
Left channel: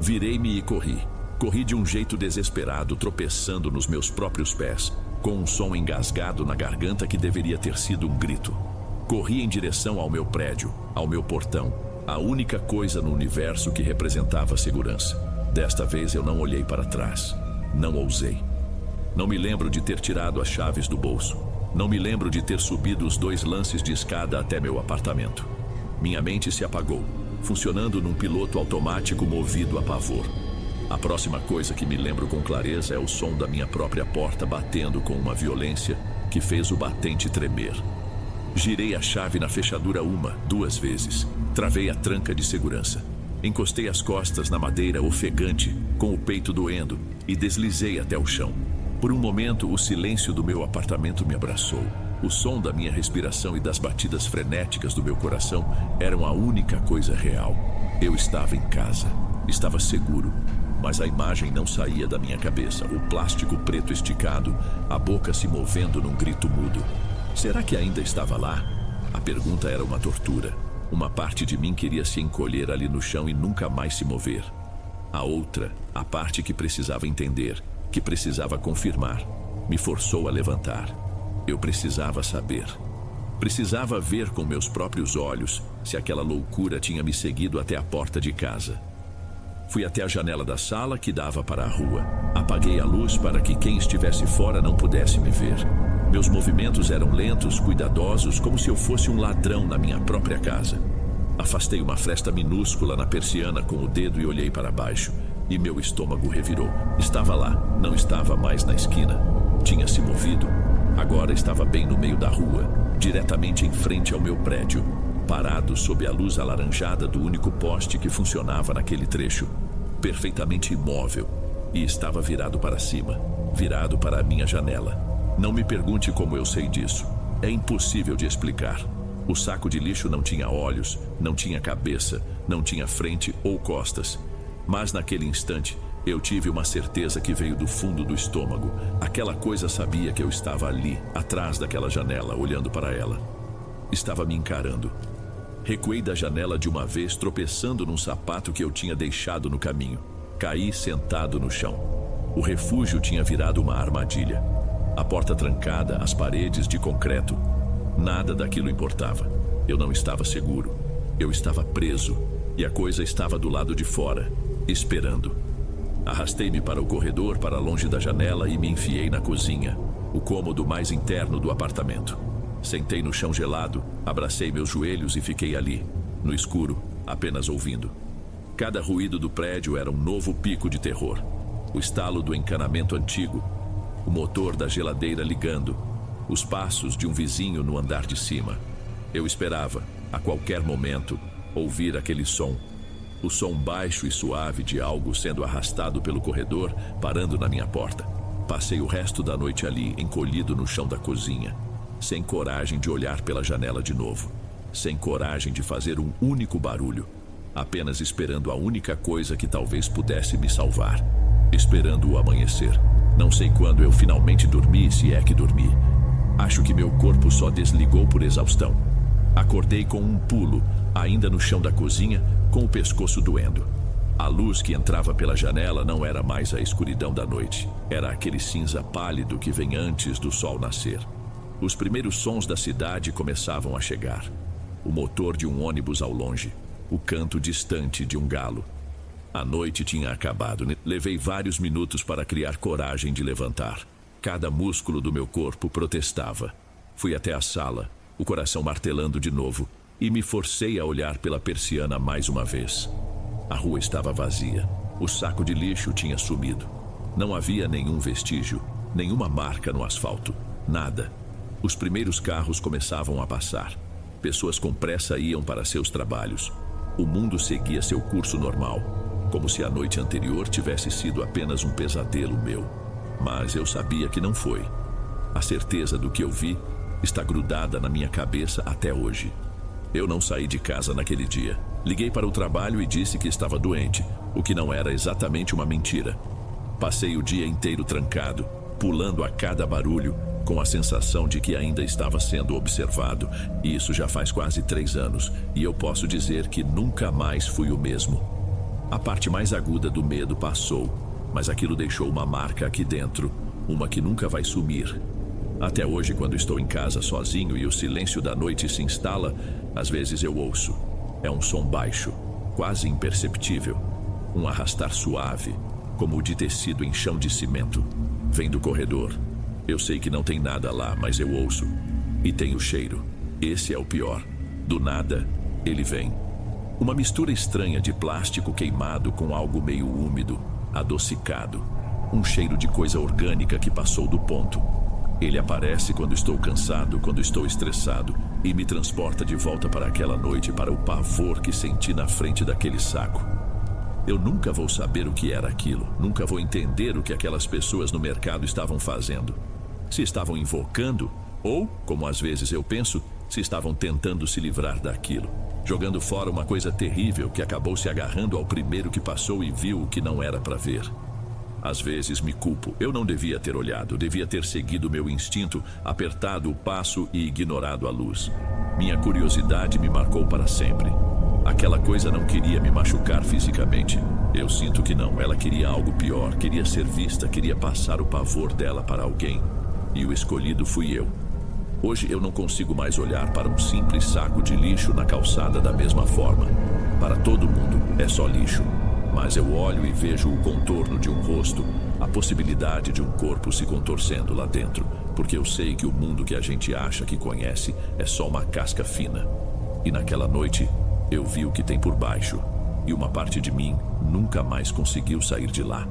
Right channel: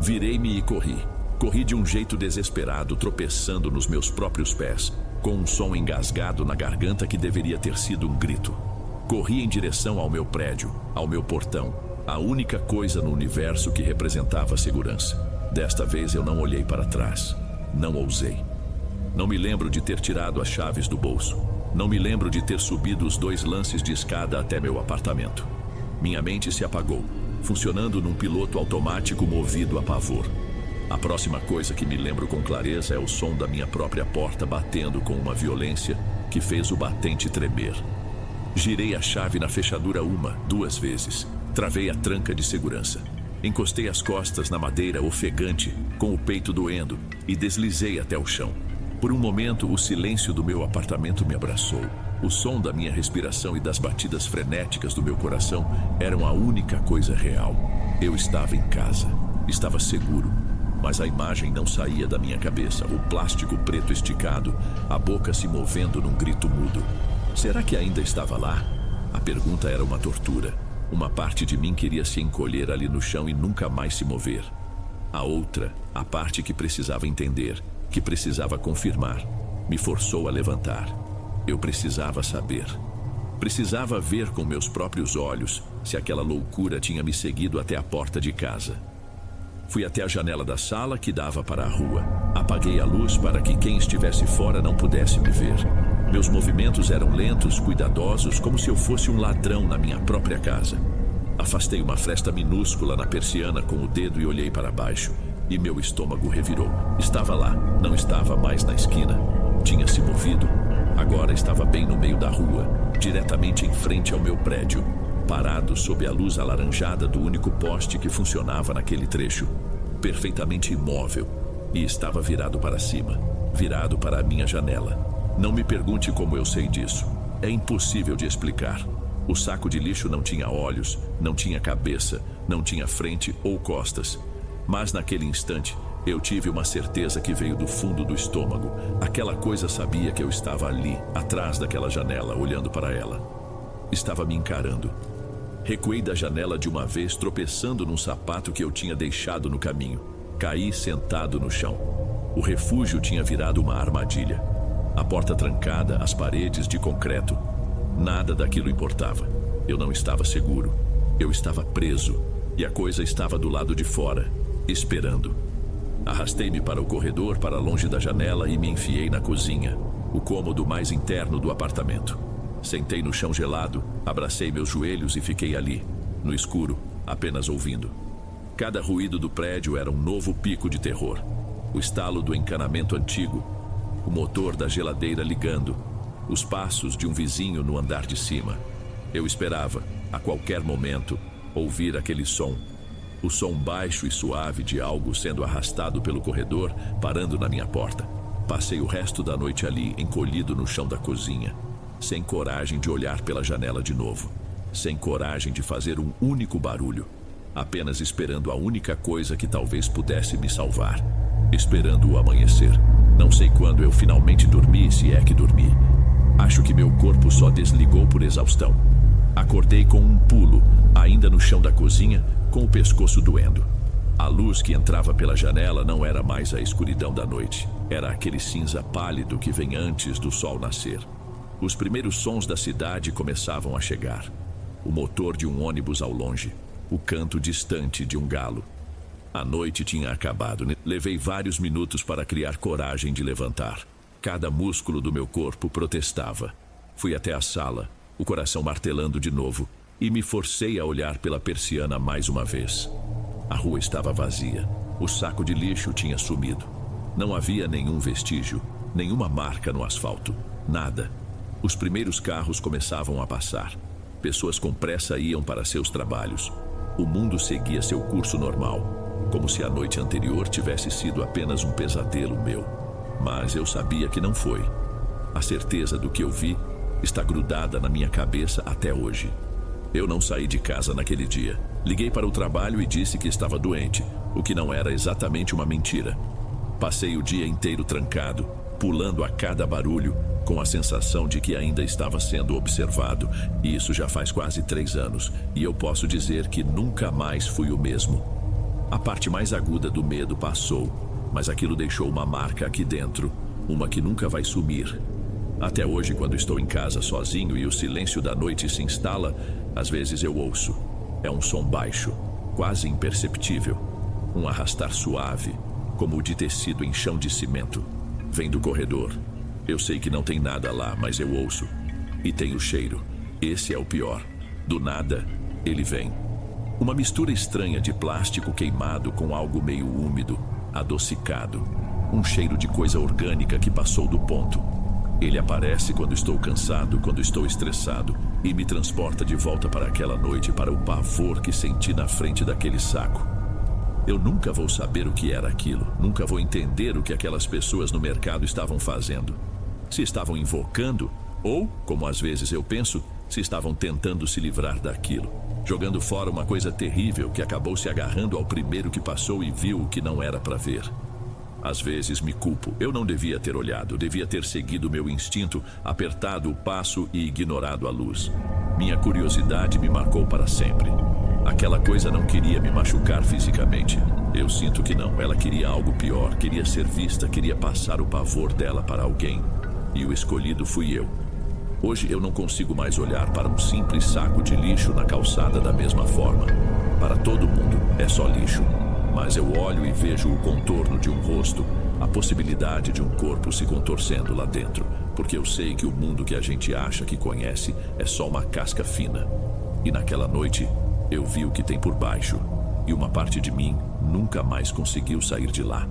Virei-me e corri. Corri de um jeito desesperado, tropeçando nos meus próprios pés, com um som engasgado na garganta que deveria ter sido um grito. Corri em direção ao meu prédio, ao meu portão, a única coisa no universo que representava segurança. Desta vez eu não olhei para trás. Não ousei. Não me lembro de ter tirado as chaves do bolso. Não me lembro de ter subido os 2 lances de escada até meu apartamento. Minha mente se apagou, funcionando num piloto automático movido a pavor. A próxima coisa que me lembro com clareza é o som da minha própria porta batendo com uma violência que fez o batente tremer. Girei a chave na fechadura 1, 2 vezes. Travei a tranca de segurança. Encostei as costas na madeira ofegante, com o peito doendo, e deslizei até o chão. Por um momento, o silêncio do meu apartamento me abraçou. O som da minha respiração e das batidas frenéticas do meu coração eram a única coisa real. Eu estava em casa. Estava seguro. Mas a imagem não saía da minha cabeça. O plástico preto esticado, a boca se movendo num grito mudo. Será que ainda estava lá? A pergunta era uma tortura. Uma parte de mim queria se encolher ali no chão e nunca mais se mover. A outra, a parte que precisava entender, que precisava confirmar, me forçou a levantar. Eu precisava saber. Precisava ver com meus próprios olhos se aquela loucura tinha me seguido até a porta de casa. Fui até a janela da sala que dava para a rua. Apaguei a luz para que quem estivesse fora não pudesse me ver. Meus movimentos eram lentos, cuidadosos, como se eu fosse um ladrão na minha própria casa. Afastei uma fresta minúscula na persiana com o dedo e olhei para baixo. E meu estômago revirou. Estava lá, não estava mais na esquina. Tinha se movido. Agora estava bem no meio da rua, diretamente em frente ao meu prédio, parado sob a luz alaranjada do único poste que funcionava naquele trecho. Perfeitamente imóvel. E estava virado para cima, virado para a minha janela. Não me pergunte como eu sei disso. É impossível de explicar. O saco de lixo não tinha olhos, não tinha cabeça, não tinha frente ou costas. Mas naquele instante, eu tive uma certeza que veio do fundo do estômago. Aquela coisa sabia que eu estava ali, atrás daquela janela, olhando para ela. Estava me encarando. Recuei da janela de uma vez, tropeçando num sapato que eu tinha deixado no caminho. Caí sentado no chão. O refúgio tinha virado uma armadilha. A porta trancada, as paredes de concreto. Nada daquilo importava. Eu não estava seguro. Eu estava preso. E a coisa estava do lado de fora, esperando. Arrastei-me para o corredor, para longe da janela e me enfiei na cozinha, o cômodo mais interno do apartamento. Sentei no chão gelado, abracei meus joelhos e fiquei ali, no escuro, apenas ouvindo. Cada ruído do prédio era um novo pico de terror. O estalo do encanamento antigo, o motor da geladeira ligando, os passos de um vizinho no andar de cima. Eu esperava, a qualquer momento, ouvir aquele som. O som baixo e suave de algo sendo arrastado pelo corredor, parando na minha porta. Passei o resto da noite ali, encolhido no chão da cozinha, sem coragem de olhar pela janela de novo, sem coragem de fazer um único barulho, apenas esperando a única coisa que talvez pudesse me salvar, esperando o amanhecer. Não sei quando eu finalmente dormi, se é que dormi. Acho que meu corpo só desligou por exaustão. Acordei com um pulo, ainda no chão da cozinha, com o pescoço doendo. A luz que entrava pela janela não era mais a escuridão da noite. Era aquele cinza pálido que vem antes do sol nascer. Os primeiros sons da cidade começavam a chegar. O motor de um ônibus ao longe, o canto distante de um galo. A noite tinha acabado. Levei vários minutos para criar coragem de levantar. Cada músculo do meu corpo protestava. Fui até a sala, o coração martelando de novo, e me forcei a olhar pela persiana mais uma vez. A rua estava vazia. O saco de lixo tinha sumido. Não havia nenhum vestígio, nenhuma marca no asfalto. Nada. Os primeiros carros começavam a passar. Pessoas com pressa iam para seus trabalhos. O mundo seguia seu curso normal, como se a noite anterior tivesse sido apenas um pesadelo meu. Mas eu sabia que não foi. A certeza do que eu vi está grudada na minha cabeça até hoje. Eu não saí de casa naquele dia. Liguei para o trabalho e disse que estava doente, o que não era exatamente uma mentira. Passei o dia inteiro trancado, pulando a cada barulho, com a sensação de que ainda estava sendo observado. E isso já faz quase 3 anos, e eu posso dizer que nunca mais fui o mesmo. A parte mais aguda do medo passou, mas aquilo deixou uma marca aqui dentro, uma que nunca vai sumir. Até hoje, quando estou em casa sozinho e o silêncio da noite se instala, às vezes eu ouço. É um som baixo, quase imperceptível. Um arrastar suave, como o de tecido em chão de cimento. Vem do corredor. Eu sei que não tem nada lá, mas eu ouço. E tem o cheiro. Esse é o pior. Do nada, ele vem. Uma mistura estranha de plástico queimado com algo meio úmido, adocicado. Um cheiro de coisa orgânica que passou do ponto. Ele aparece quando estou cansado, quando estou estressado, e me transporta de volta para aquela noite, para o pavor que senti na frente daquele saco. Eu nunca vou saber o que era aquilo, nunca vou entender o que aquelas pessoas no mercado estavam fazendo. Se estavam invocando, ou, como às vezes eu penso, se estavam tentando se livrar daquilo, jogando fora uma coisa terrível que acabou se agarrando ao primeiro que passou e viu o que não era para ver. Às vezes me culpo. Eu não devia ter olhado, devia ter seguido meu instinto, apertado o passo e ignorado a luz. Minha curiosidade me marcou para sempre. Aquela coisa não queria me machucar fisicamente. Eu sinto que não. Ela queria algo pior, queria ser vista, queria passar o pavor dela para alguém. E o escolhido fui eu. Hoje eu não consigo mais olhar para um simples saco de lixo na calçada da mesma forma. Para todo mundo é só lixo. Mas eu olho e vejo o contorno de um rosto, a possibilidade de um corpo se contorcendo lá dentro, porque eu sei que o mundo que a gente acha que conhece é só uma casca fina. E naquela noite, eu vi o que tem por baixo, e uma parte de mim nunca mais conseguiu sair de lá.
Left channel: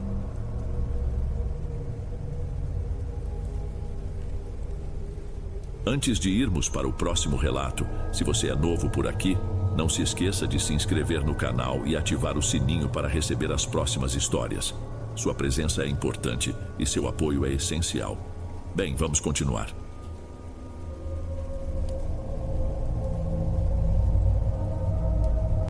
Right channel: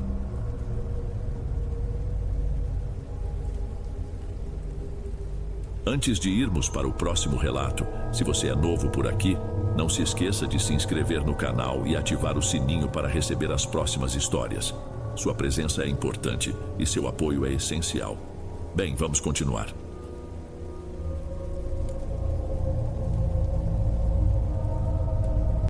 Antes de irmos para o próximo relato, se você é novo por aqui, não se esqueça de se inscrever no canal e ativar o sininho para receber as próximas histórias. Sua presença é importante e seu apoio é essencial. Bem, vamos continuar.